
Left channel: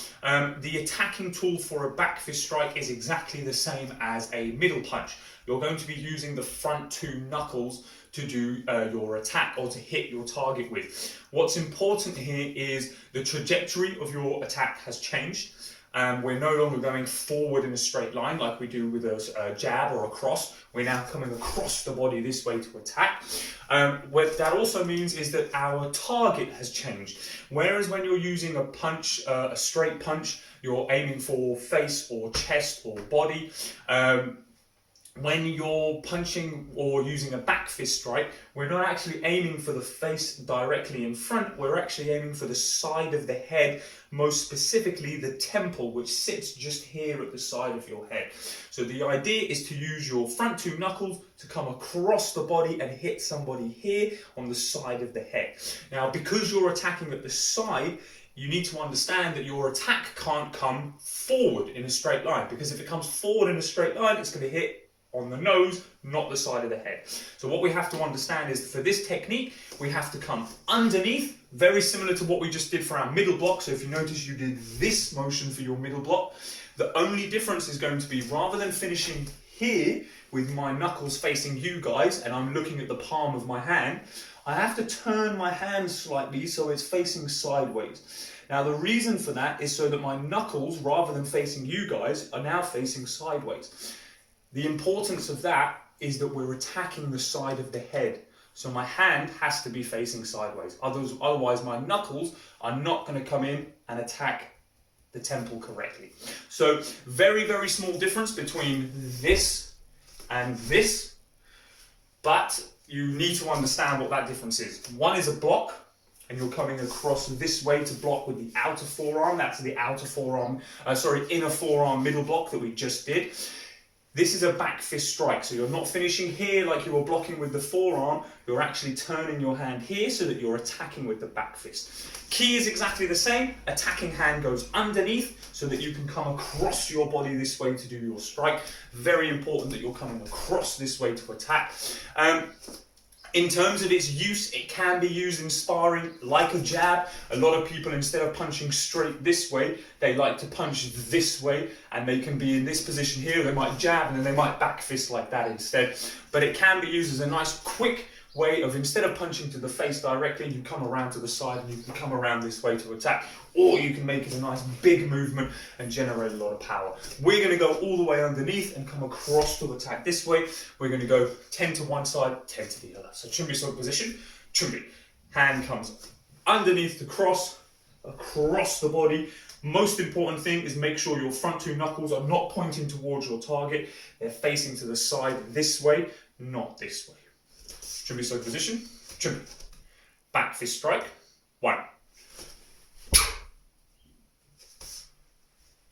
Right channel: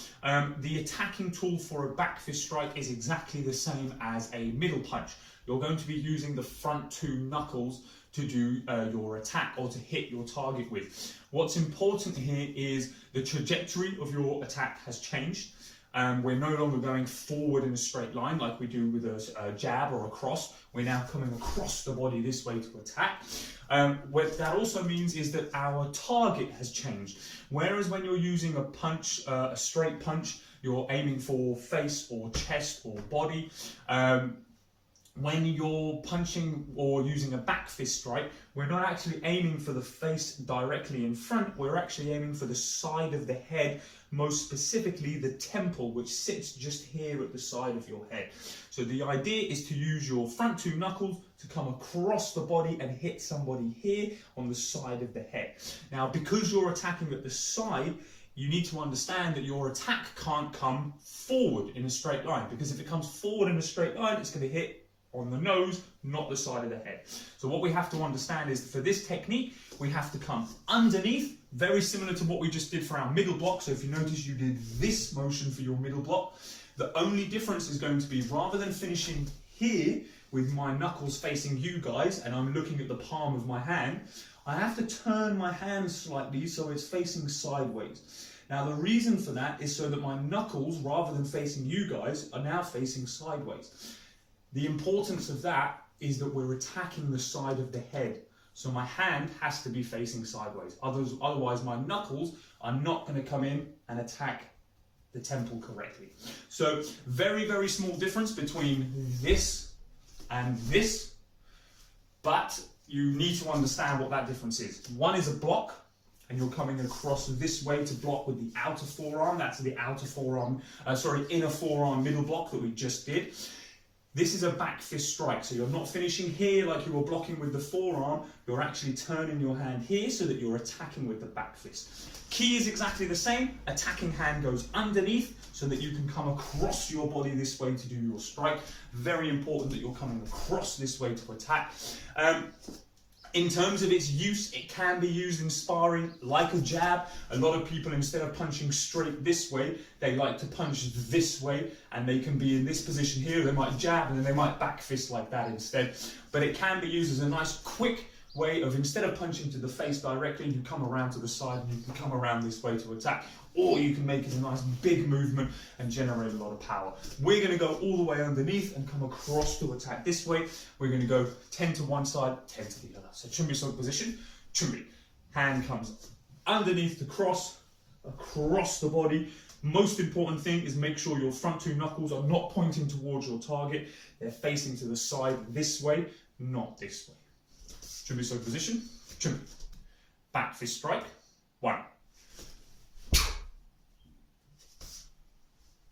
the attacking tool for a back fist strike is exactly the same as a middle punch. You're going to be using the front two knuckles to do your attack or to hit your target with. What's important here is the trajectory of your attack has changed. We're no longer going forward in a straight line like we do with a jab or a cross. We're now coming across the body this way to attack. What that also means is that our target has changed. Whereas when you're using a punch, a straight punch, you're aiming for face or chest or body. When you're punching or using a back fist strike, we're not actually aiming for the face directly in front, we're actually aiming for the side of the head, most specifically the temple, which sits just here at the side of your head. So the idea is to use your front two knuckles to come across the body and hit somebody here on the side of the head. Now, because you're attacking at the side, you need to understand that your attack can't come forward in a straight line, because if it comes forward in a straight line, it's going to hit on the nose, not the side of the head. So what we have to understand is for this technique, we have to come underneath, very similar to what we just did for our middle block. So if you notice, you did this motion for your middle block. The only difference is going to be, rather than finishing here with my knuckles facing you guys, and I'm looking at the palm of my hand, I have to turn my hand slightly so it's facing sideways. Now the reason for that is so that my knuckles, rather than facing you guys, are now facing sideways. The importance of that is that we're attacking the side of the head. So my hand has to be facing sideways. Otherwise my knuckles are not going to come in and attack the temple correctly. So very, very small difference between this and this, but you need to understand what that difference is. One is a block, and you're coming across this way to block with the outer forearm. That's the outer forearm, inner forearm middle block that we just did. This is a back fist strike, so you're not finishing here like you were blocking with the forearm, you're actually turning your hand here so that you're attacking with the back fist. Key is exactly the same, attacking hand goes underneath so that you can come across your body this way to do your strike. Very important that you're coming across this way to attack. In terms of its use, it can be used in sparring like a jab. A lot of people, instead of punching straight this way, they like to punch this way, and they can be in this position here. They might jab and then they might back fist like that instead. But it can be used as a nice quick way of, instead of punching to the face directly, you come around to the side and you can come around this way to attack, or you can make it a nice big movement and generate a lot of power. We're going to go all the way underneath and come across to attack this way. We're going to go 10 to one side, 10 to the other. So chumbi sort of position, chumbi. Hand comes underneath the cross, across the body. Most important thing is make sure your front two knuckles are not pointing towards your target. They're facing to the side this way, not this way. Chumbi side position, chumbi. Back fist strike, 1.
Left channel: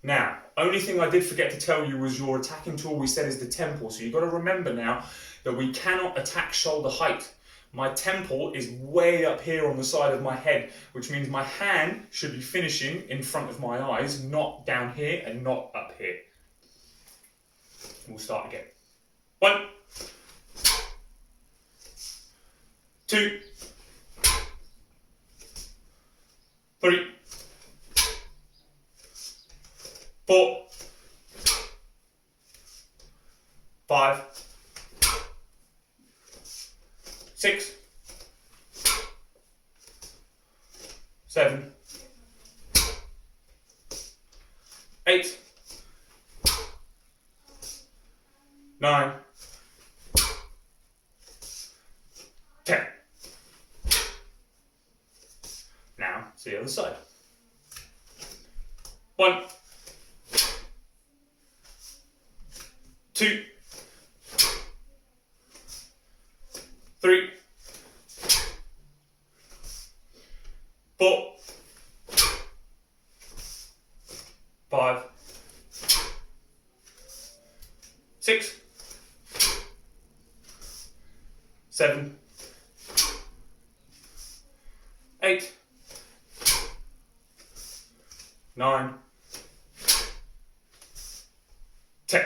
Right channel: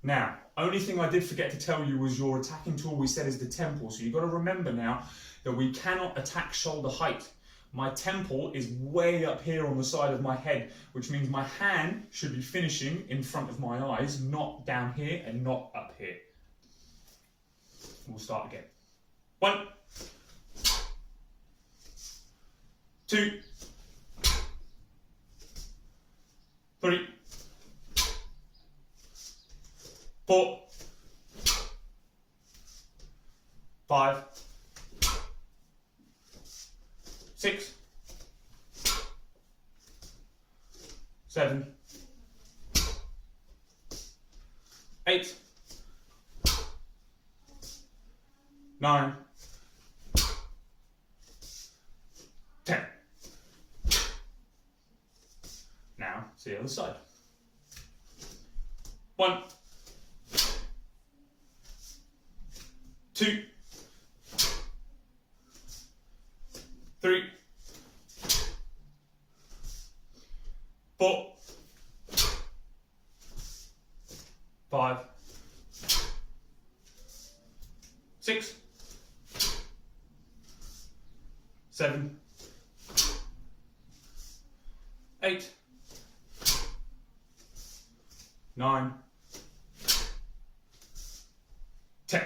Now, only thing I did forget to tell you was your attacking tool we said is the temple. So you've got to remember now that we cannot attack shoulder height. My temple is way up here on the side of my head, which means my hand should be finishing in front of my eyes, not down here and not up here. We'll start again. 1, 2, 3, 4, 5, 6, 7, 8, 9, 10. Now, to the other side. 1, 2, 3, 4, 5, 6, 7, 8, 9, 10.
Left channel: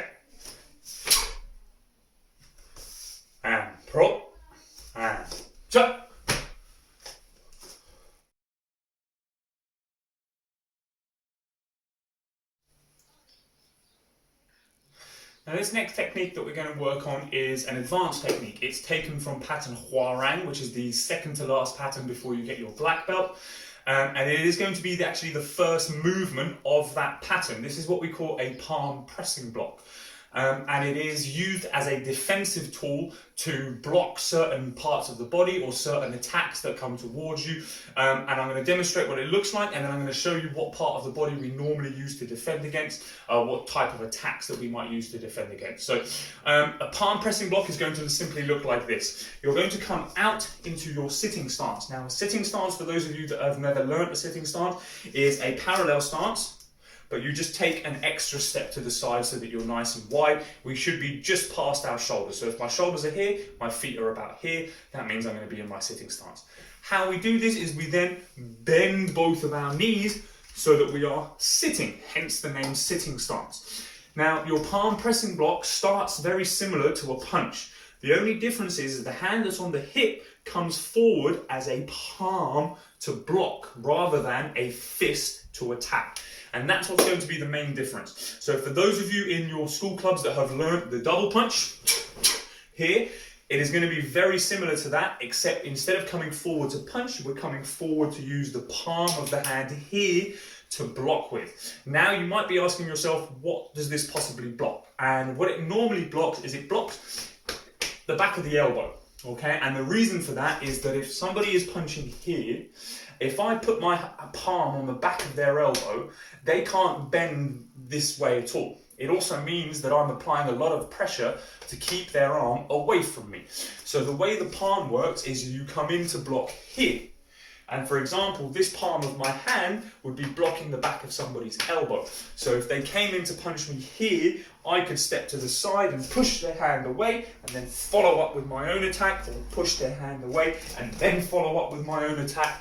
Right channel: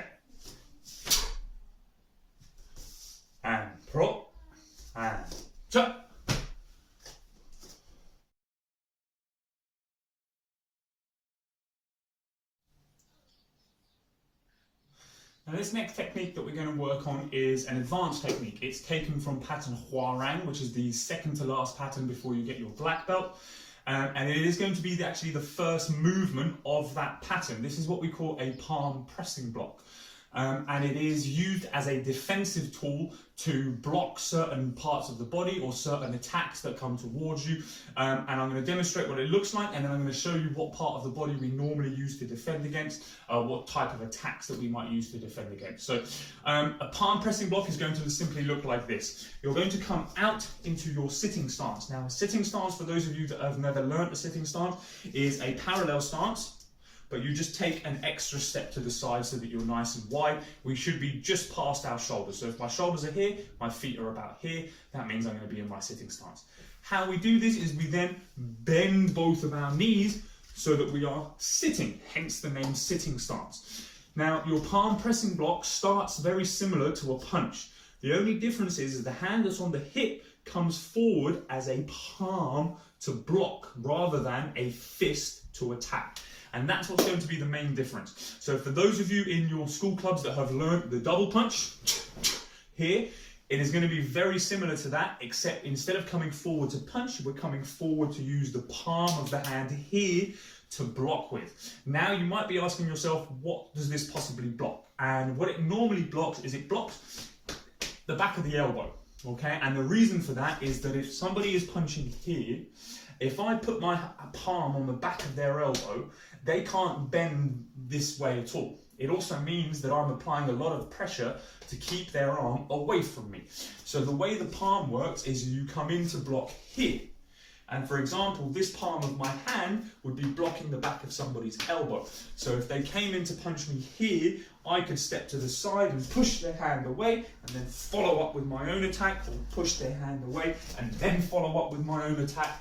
And pull. And jump. Now this next technique that we're going to work on is an advanced technique. It's taken from pattern Forearm, which is the second to last pattern before you get your black belt. And it is going to be actually the first movement of that pattern. This is what we call a palm pressing block. And it is used as a defensive tool to block certain parts of the body or certain attacks that come towards you. And I'm going to demonstrate what it looks like, and then I'm going to show you what part of the body we normally use to defend against, what type of attacks that we might use to defend against. So a palm pressing block is going to simply look like this. You're going to come out into your sitting stance. Now, a sitting stance, for those of you that have never learned a sitting stance, is a parallel stance, but you just take an extra step to the side so that you're nice and wide. We should be just past our shoulders. So if my shoulders are here, my feet are about here, that means I'm going to be in my sitting stance. How we do this is we then bend both of our knees so that we are sitting, hence the name sitting stance. Now, your palm pressing block starts very similar to a punch. The only difference is the hand that's on the hip comes forward as a palm to block rather than a fist to attack. And that's what's going to be the main difference. So for those of you in your school clubs that have learned the double punch here, it is going to be very similar to that, except instead of coming forward to punch, we're coming forward to use the palm of the hand here to block with. Now you might be asking yourself, what does this possibly block? And what it normally blocks is it blocks the back of the elbow. Okay, and the reason for that is that if somebody is punching here, if I put my palm on the back of their elbow, they can't bend this way at all. It also means that I'm applying a lot of pressure to keep their arm away from me. So the way the palm works is you come in to block here. And for example, this palm of my hand would be blocking the back of somebody's elbow. So if they came in to punch me here, I could step to the side and push their hand away and then follow up with my own attack, or push their hand away and then follow up with my own attack.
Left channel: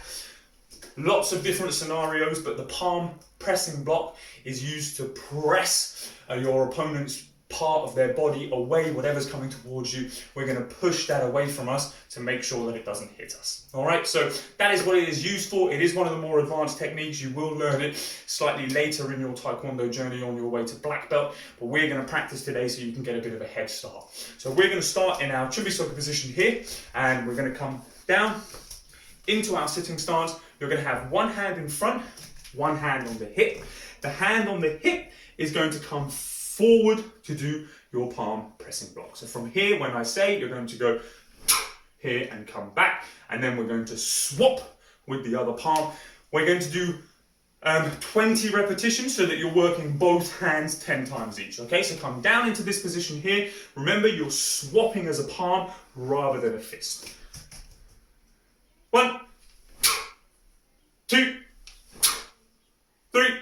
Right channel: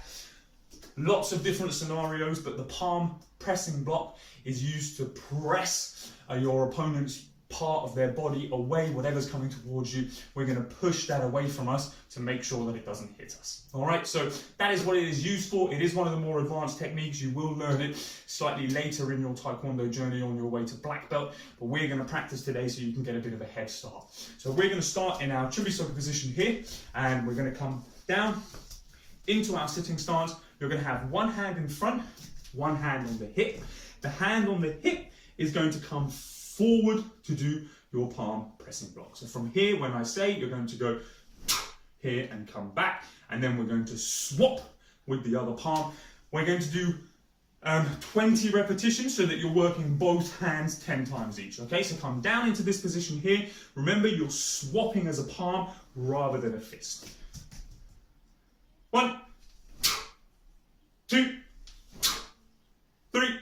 Lots of different scenarios, but the palm pressing block is used to press your opponent's part of their body away, whatever's coming towards you. We're going to push that away from us to make sure that it doesn't hit us. All right, so that is what it is used for. It is one of the more advanced techniques. You will learn it slightly later in your Taekwondo journey on your way to black belt, but we're going to practice today so you can get a bit of a head start. So we're going to start in our Chubisoka position here, and we're going to come down into our sitting stance. You're going to have one hand in front, one hand on the hip. The hand on the hip is going to come forward to do your palm pressing block. So from here, when I say, you're going to go here and come back, and then we're going to swap with the other palm. We're going to do 20 repetitions so that you're working both hands 10 times each. Okay, so come down into this position here. Remember, you're swapping as a palm rather than a fist. 1, 2, 3,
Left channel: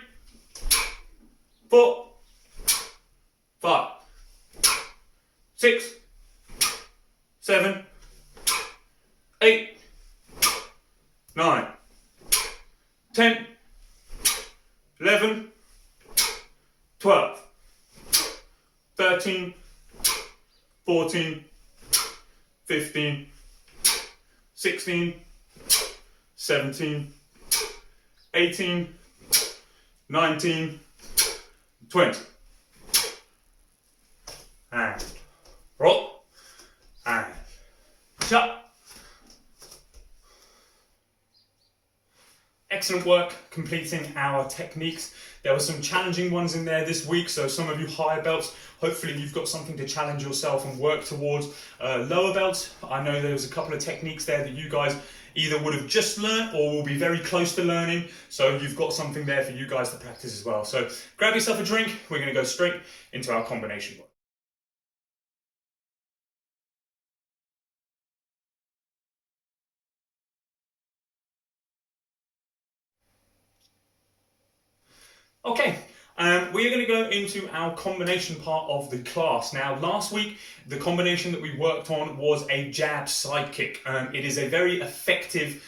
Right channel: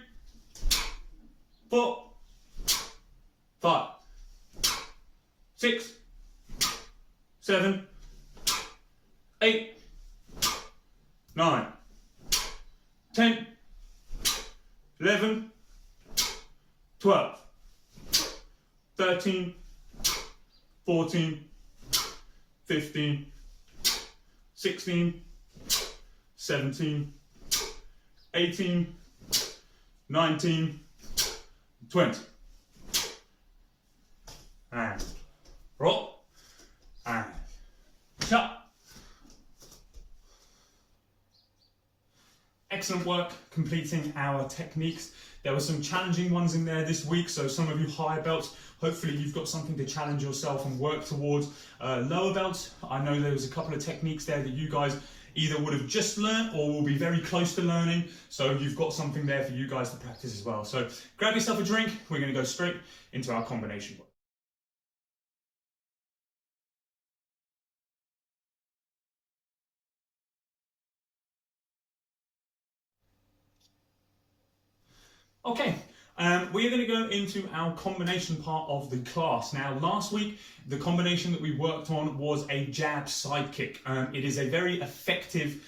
4, 5, 6, 7, 8, 9, 10, 11, 12, 13, 14, 15, 16, 17, 18, 19, 20. And roll. And shut. Excellent work completing our techniques. There were some challenging ones in there this week, so some of you higher belts, hopefully you've got something to challenge yourself and work towards. Lower belts, I know there was a couple of techniques there that you guys either would have just learned or will be very close to learning, so you've got something there for you guys to practice as well. So grab yourself a drink, we're going to go straight into our combination work. Okay, We are going to go into our combination part of the class. Now, last week, the combination that we worked on was a jab side kick. It is a very effective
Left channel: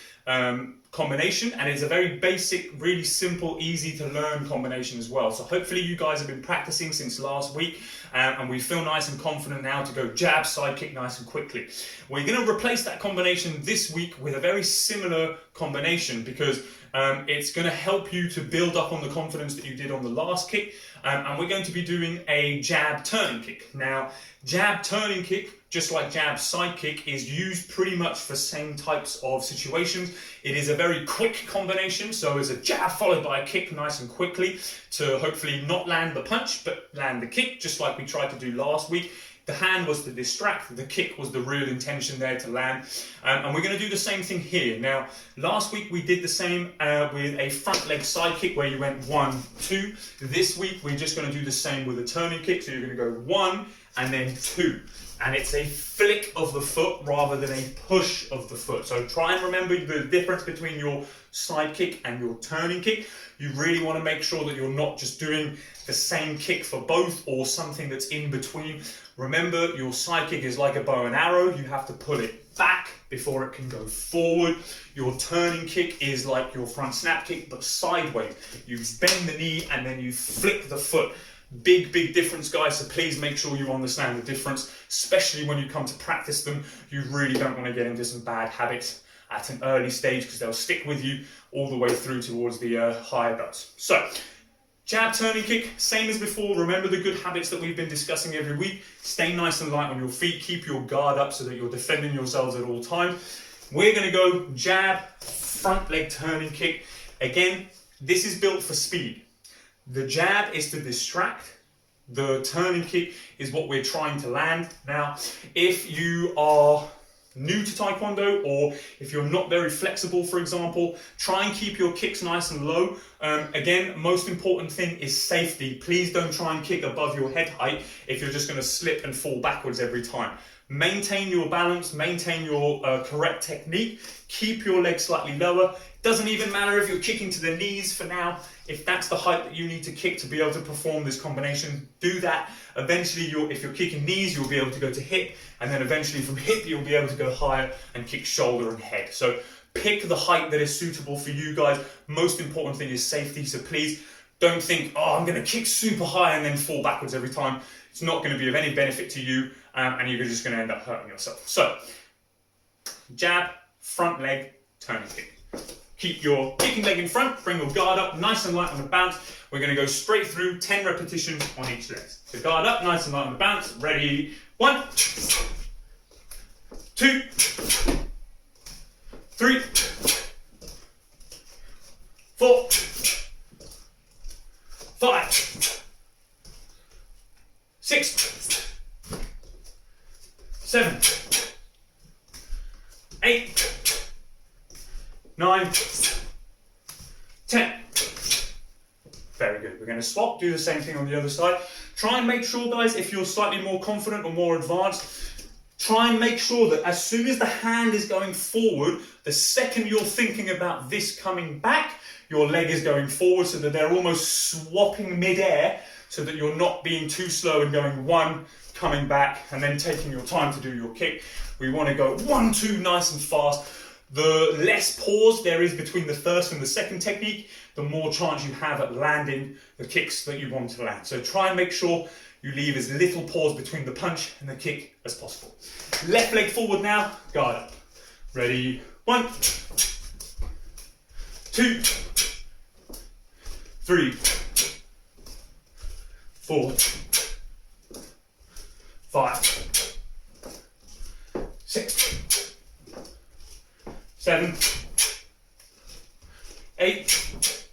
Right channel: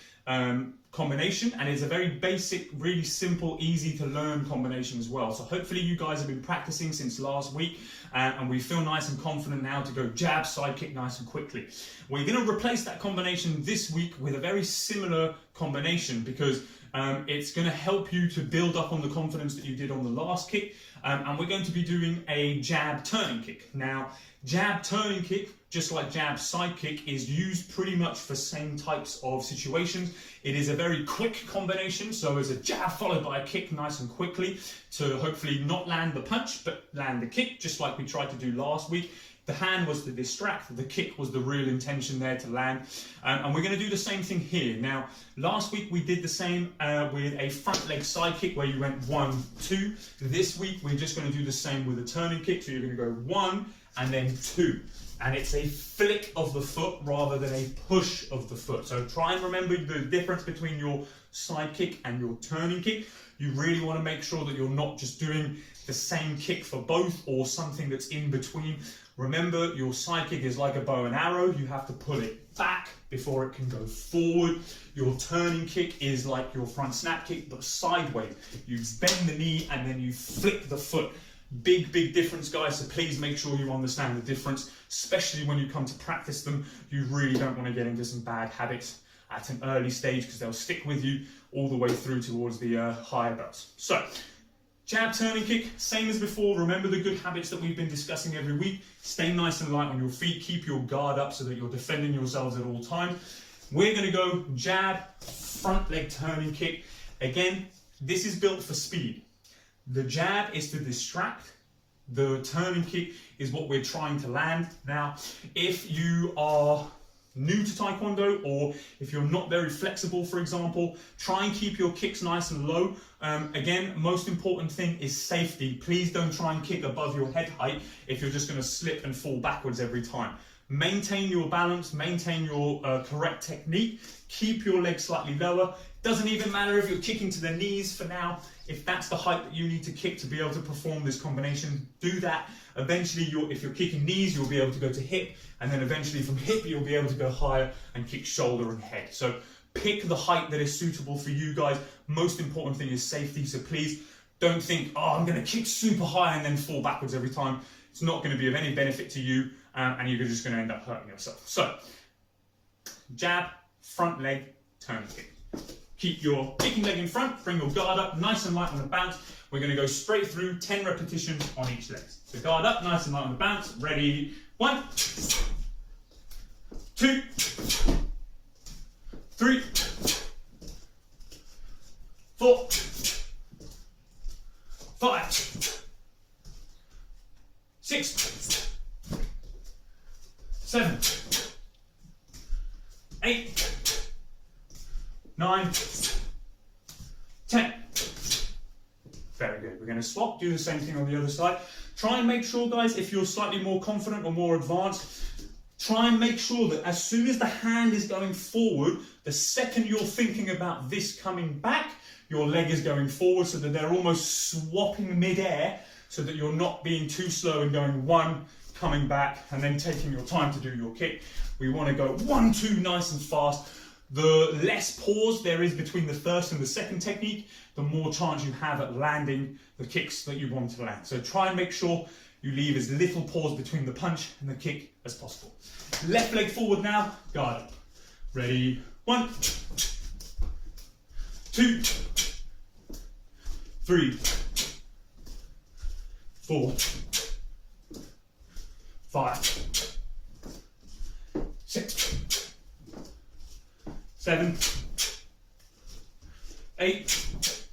combination, and it's a very basic, really simple, easy to learn combination as well. So hopefully you guys have been practicing since last week, and we feel nice and confident now to go jab side kick nice and quickly. We're going to replace that combination this week with a very similar combination, because it's going to help you to build up on the confidence that you did on the last kick, and we're going to be doing a jab turning kick. Now, jab turning kick, just like jab side kick, is used pretty much for same types of situations. It is a very quick combination, so it's a jab followed by a kick nice and quickly to hopefully not land the punch, but land the kick, just like we tried to do last week. The hand was to distract, the kick was the real intention there to land. And we're going to do the same thing here. Now, last week we did the same with a front leg side kick where you went 1, 2. This week we're just going to do the same with a turning kick. So you're going to go 1 and then 2. And it's a flick of the foot rather than a push of the foot. So try and remember the difference between your side kick and your turning kick. You really want to make sure that you're not just doing the same kick for both or something that's in between. Remember, your side kick is like a bow and arrow. You have to pull it back before it can go forward. Your turning kick is like your front snap kick, but sideways. You bend the knee and then you flick the foot. Big difference, guys, so please make sure you understand the difference, especially when you come to practice them. You really don't want to get into some bad habits at an early stage, because they'll stick with you all the way through towards the higher belts. So, jab turning kick, same as before. Remember the good habits that we've been discussing every week. Stay nice and light on your feet. Keep your guard up so that you're defending yourselves at all times. We're going to go jab, front leg turning kick. Again, this is built for speed. The jab is to distract. The turning kick is what we're trying to land. Now, if you are new to Taekwondo, or if you're not very flexible, for example, try and keep your kicks nice and low. Again, most important thing is safety. Please don't try and kick above your head height if you're just going to slip and fall backwards every time. Maintain your balance, maintain your correct technique, keep your legs slightly lower. Doesn't even matter if you're kicking to the knees for now. If that's the height that you need to kick to be able to perform this combination, do that. Eventually, if you're kicking knees, you'll be able to go to hip, and then eventually from hip, you'll be able to go higher and kick shoulder and head. So pick the height that is suitable for you guys. Most important thing is safety, so please don't think, oh, I'm gonna kick super high and then fall backwards every time. It's not gonna be of any benefit to you, and you're just gonna end up hurting yourself. So, jab, front leg, turning kick. Keep your kicking leg in front, bring your guard up, nice and light on the bounce. We're going to go straight through 10 repetitions on each leg. So guard up, nice and light on the bounce. Ready? 1, 2, 3, 4, 5, 6, 7, 8, 9, 10. Very good. We're going to swap, do the same thing on the other side. Try and make sure, guys, if you're slightly more confident or more advanced, try and make sure that as soon as the hand is going forward, the second you're thinking about this coming back, your leg is going forward, so that they're almost swapping mid-air, so that you're not being too slow and going 1, coming back, and then taking your time to do your kick. We want to go 1, 2, nice and fast. The less pause there is between the first and the second technique, the more chance you have at landing the kicks that you want to land. So try and make sure you leave as little pause between the punch and the kick as possible. Left leg forward now, guard up. Ready? 1, 2, 3, 4, 5, 6, 7, 8,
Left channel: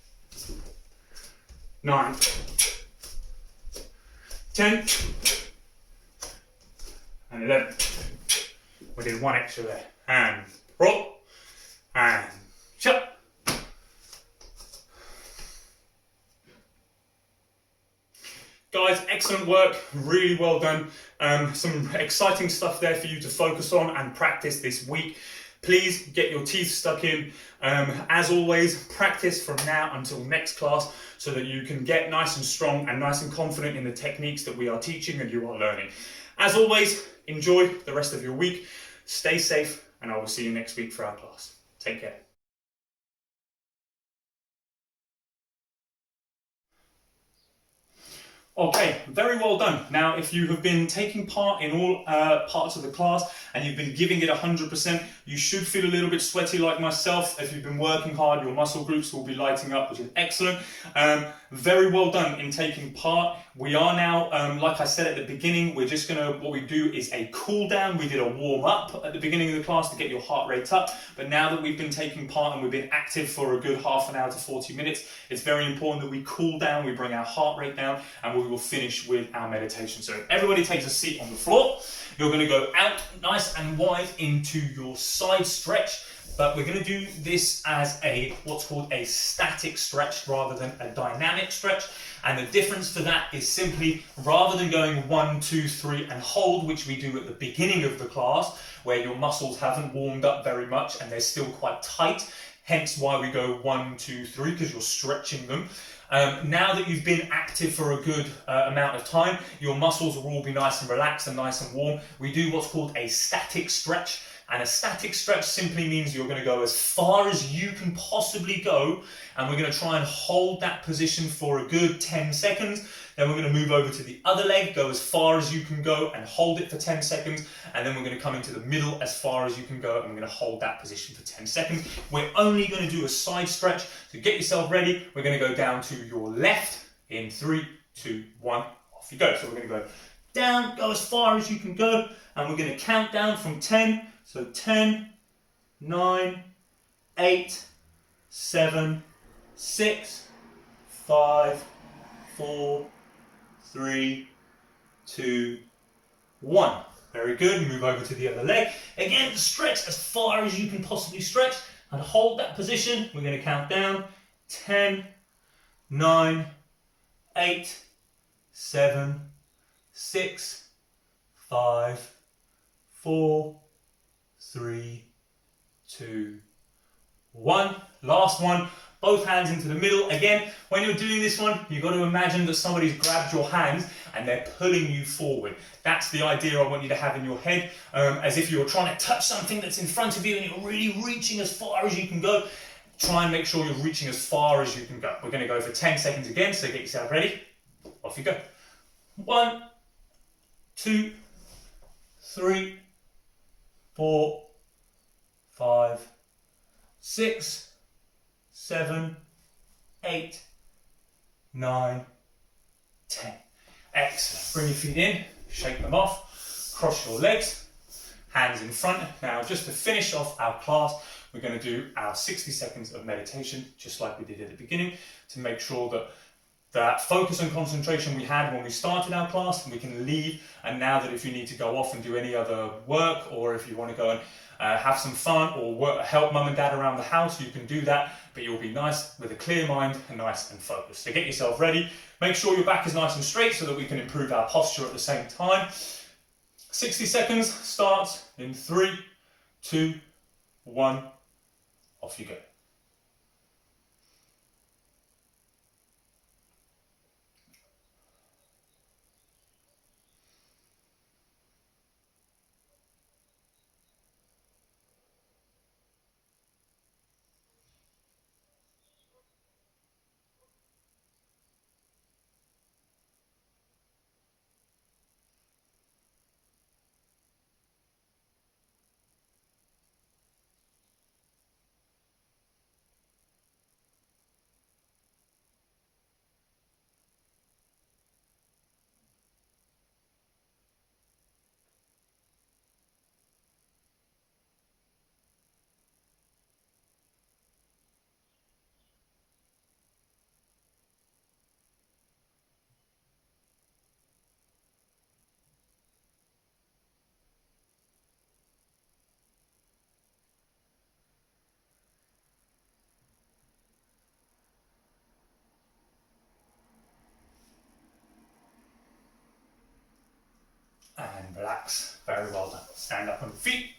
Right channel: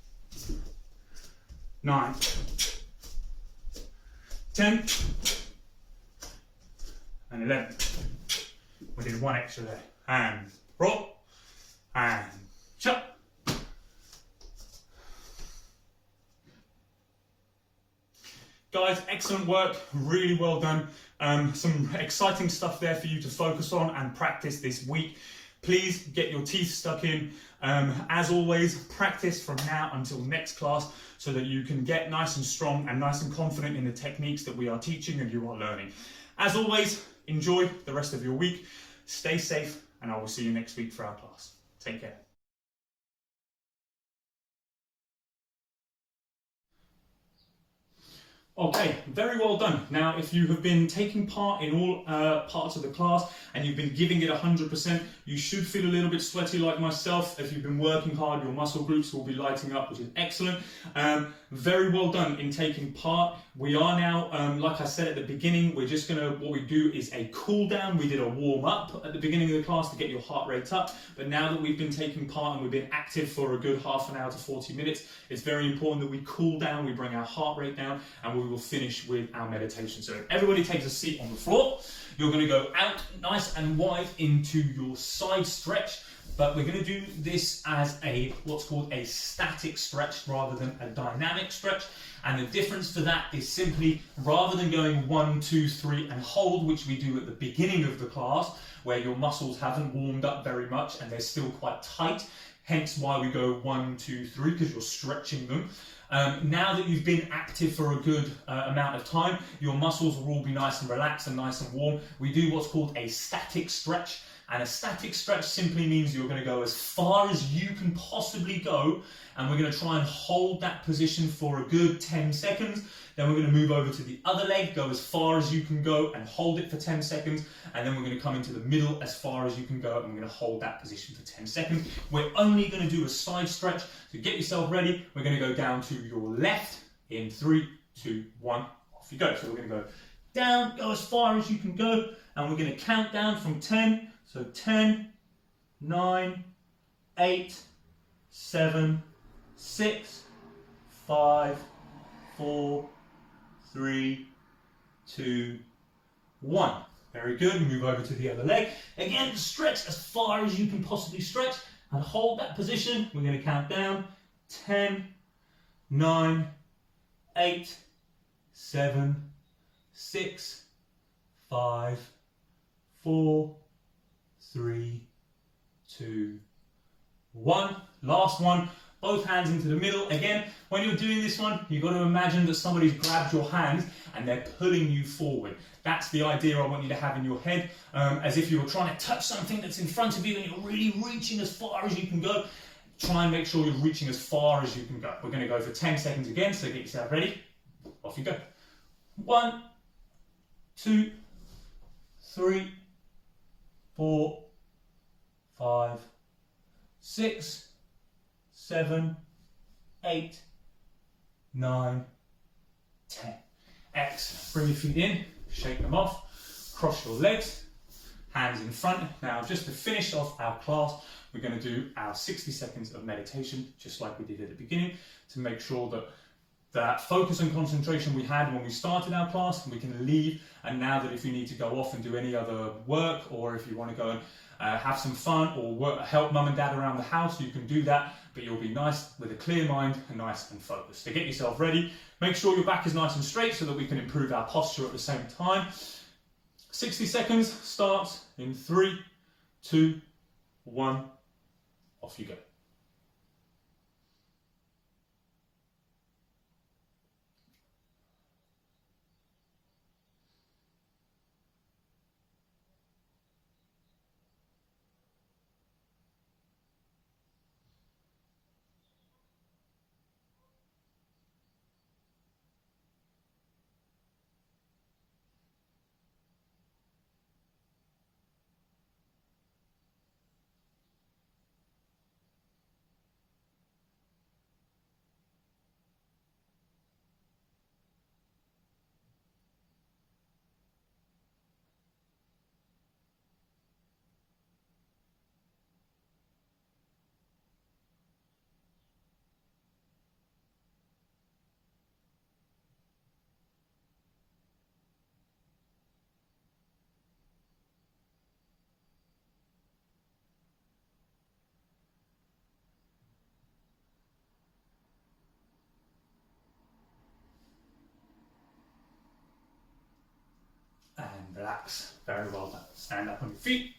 9, 10, and 11. We did 1 extra there. And roll, and shut. Guys, excellent work, really well done. Some exciting stuff there for you to focus on and practice this week. Please get your teeth stuck in. As always, practice from now until next class so that you can get nice and strong and nice and confident in the techniques that we are teaching and you are learning. As always, enjoy the rest of your week. Stay safe, and I will see you next week for our class. Take care. Okay, very well done. Now, if you have been taking part in all parts of the class and you've been giving it 100%, you should feel a little bit sweaty like myself. If you've been working hard, your muscle groups will be lighting up, which is excellent. Very well done in taking part. We are now, like I said at the beginning, we're just what we do is a cool down. We did a warm up at the beginning of the class to get your heart rate up. But now that we've been taking part and we've been active for a good half an hour to 40 minutes, it's very important that we cool down, we bring our heart rate down, and we will finish with our meditation. So if everybody takes a seat on the floor, you're going to go out nice and wide into your side stretch. But we're going to do this as what's called a static stretch rather than a dynamic stretch. And the difference to that is simply, rather than going 1, 2, 3 and hold, which we do at the beginning of the class, where your muscles haven't warmed up very much and they're still quite tight, hence why we go 1, 2, 3, because you're stretching them. Now that you've been active for a good amount of time, your muscles will all be nice and relaxed and nice and warm. We do what's called a static stretch. And a static stretch simply means you're going to go as far as you can possibly go, and we're going to try and hold that position for a good 10 seconds. Then we're going to move over to the other leg, go as far as you can go and hold it for 10 seconds. And then we're going to come into the middle as far as you can go, and we're going to hold that position for 10 seconds. We're only going to do a side stretch. So get yourself ready. We're going to go down to your left in 3, 2, 1, off you go. So we're going to go down, go as far as you can go, and we're going to count down from 10. So 10, 9, 8, 7, 6, 5, 4, 3, 2, 1. Very good. Move over to the other leg. Again, stretch as far as you can possibly stretch and hold that position. We're going to count down 10, 9, 8, 7, 6, 5, 4, 3, 2, 1. Last one. Both hands into the middle. Again, when you're doing this one, you've got to imagine that somebody's grabbed your hand and they're pulling you forward. That's the idea I want you to have in your head, as if you're trying to touch something that's in front of you and you're really reaching as far as you can go. Try and make sure you're reaching as far as you can go. We're going to go for 10 seconds again, so get yourself ready. Off you go. 1, 2, 3, 4, 5, 6, 7, 8, 9, 10. Excellent. Bring your feet in, shake them off, cross your legs, hands in front. Now, just to finish off our class, we're going to do our 60 seconds of meditation, just like we did at the beginning, to make sure that that focus and concentration we had when we started our class, we can leave. And now that if you need to go off and do any other work, or if you want to go and have some fun or help mum and dad around the house, you can do that, but you'll be nice with a clear mind and nice and focused. So get yourself ready. Make sure your back is nice and straight so that we can improve our posture at the same time. 60 seconds starts in 3, 2, 1. Off you go. And relax. Very well done. Stand up on your feet.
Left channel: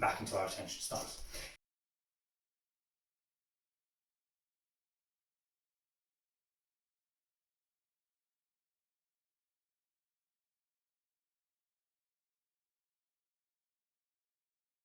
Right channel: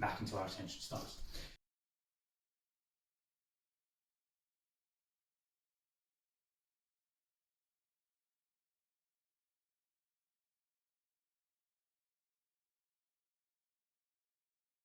back into our retention stance.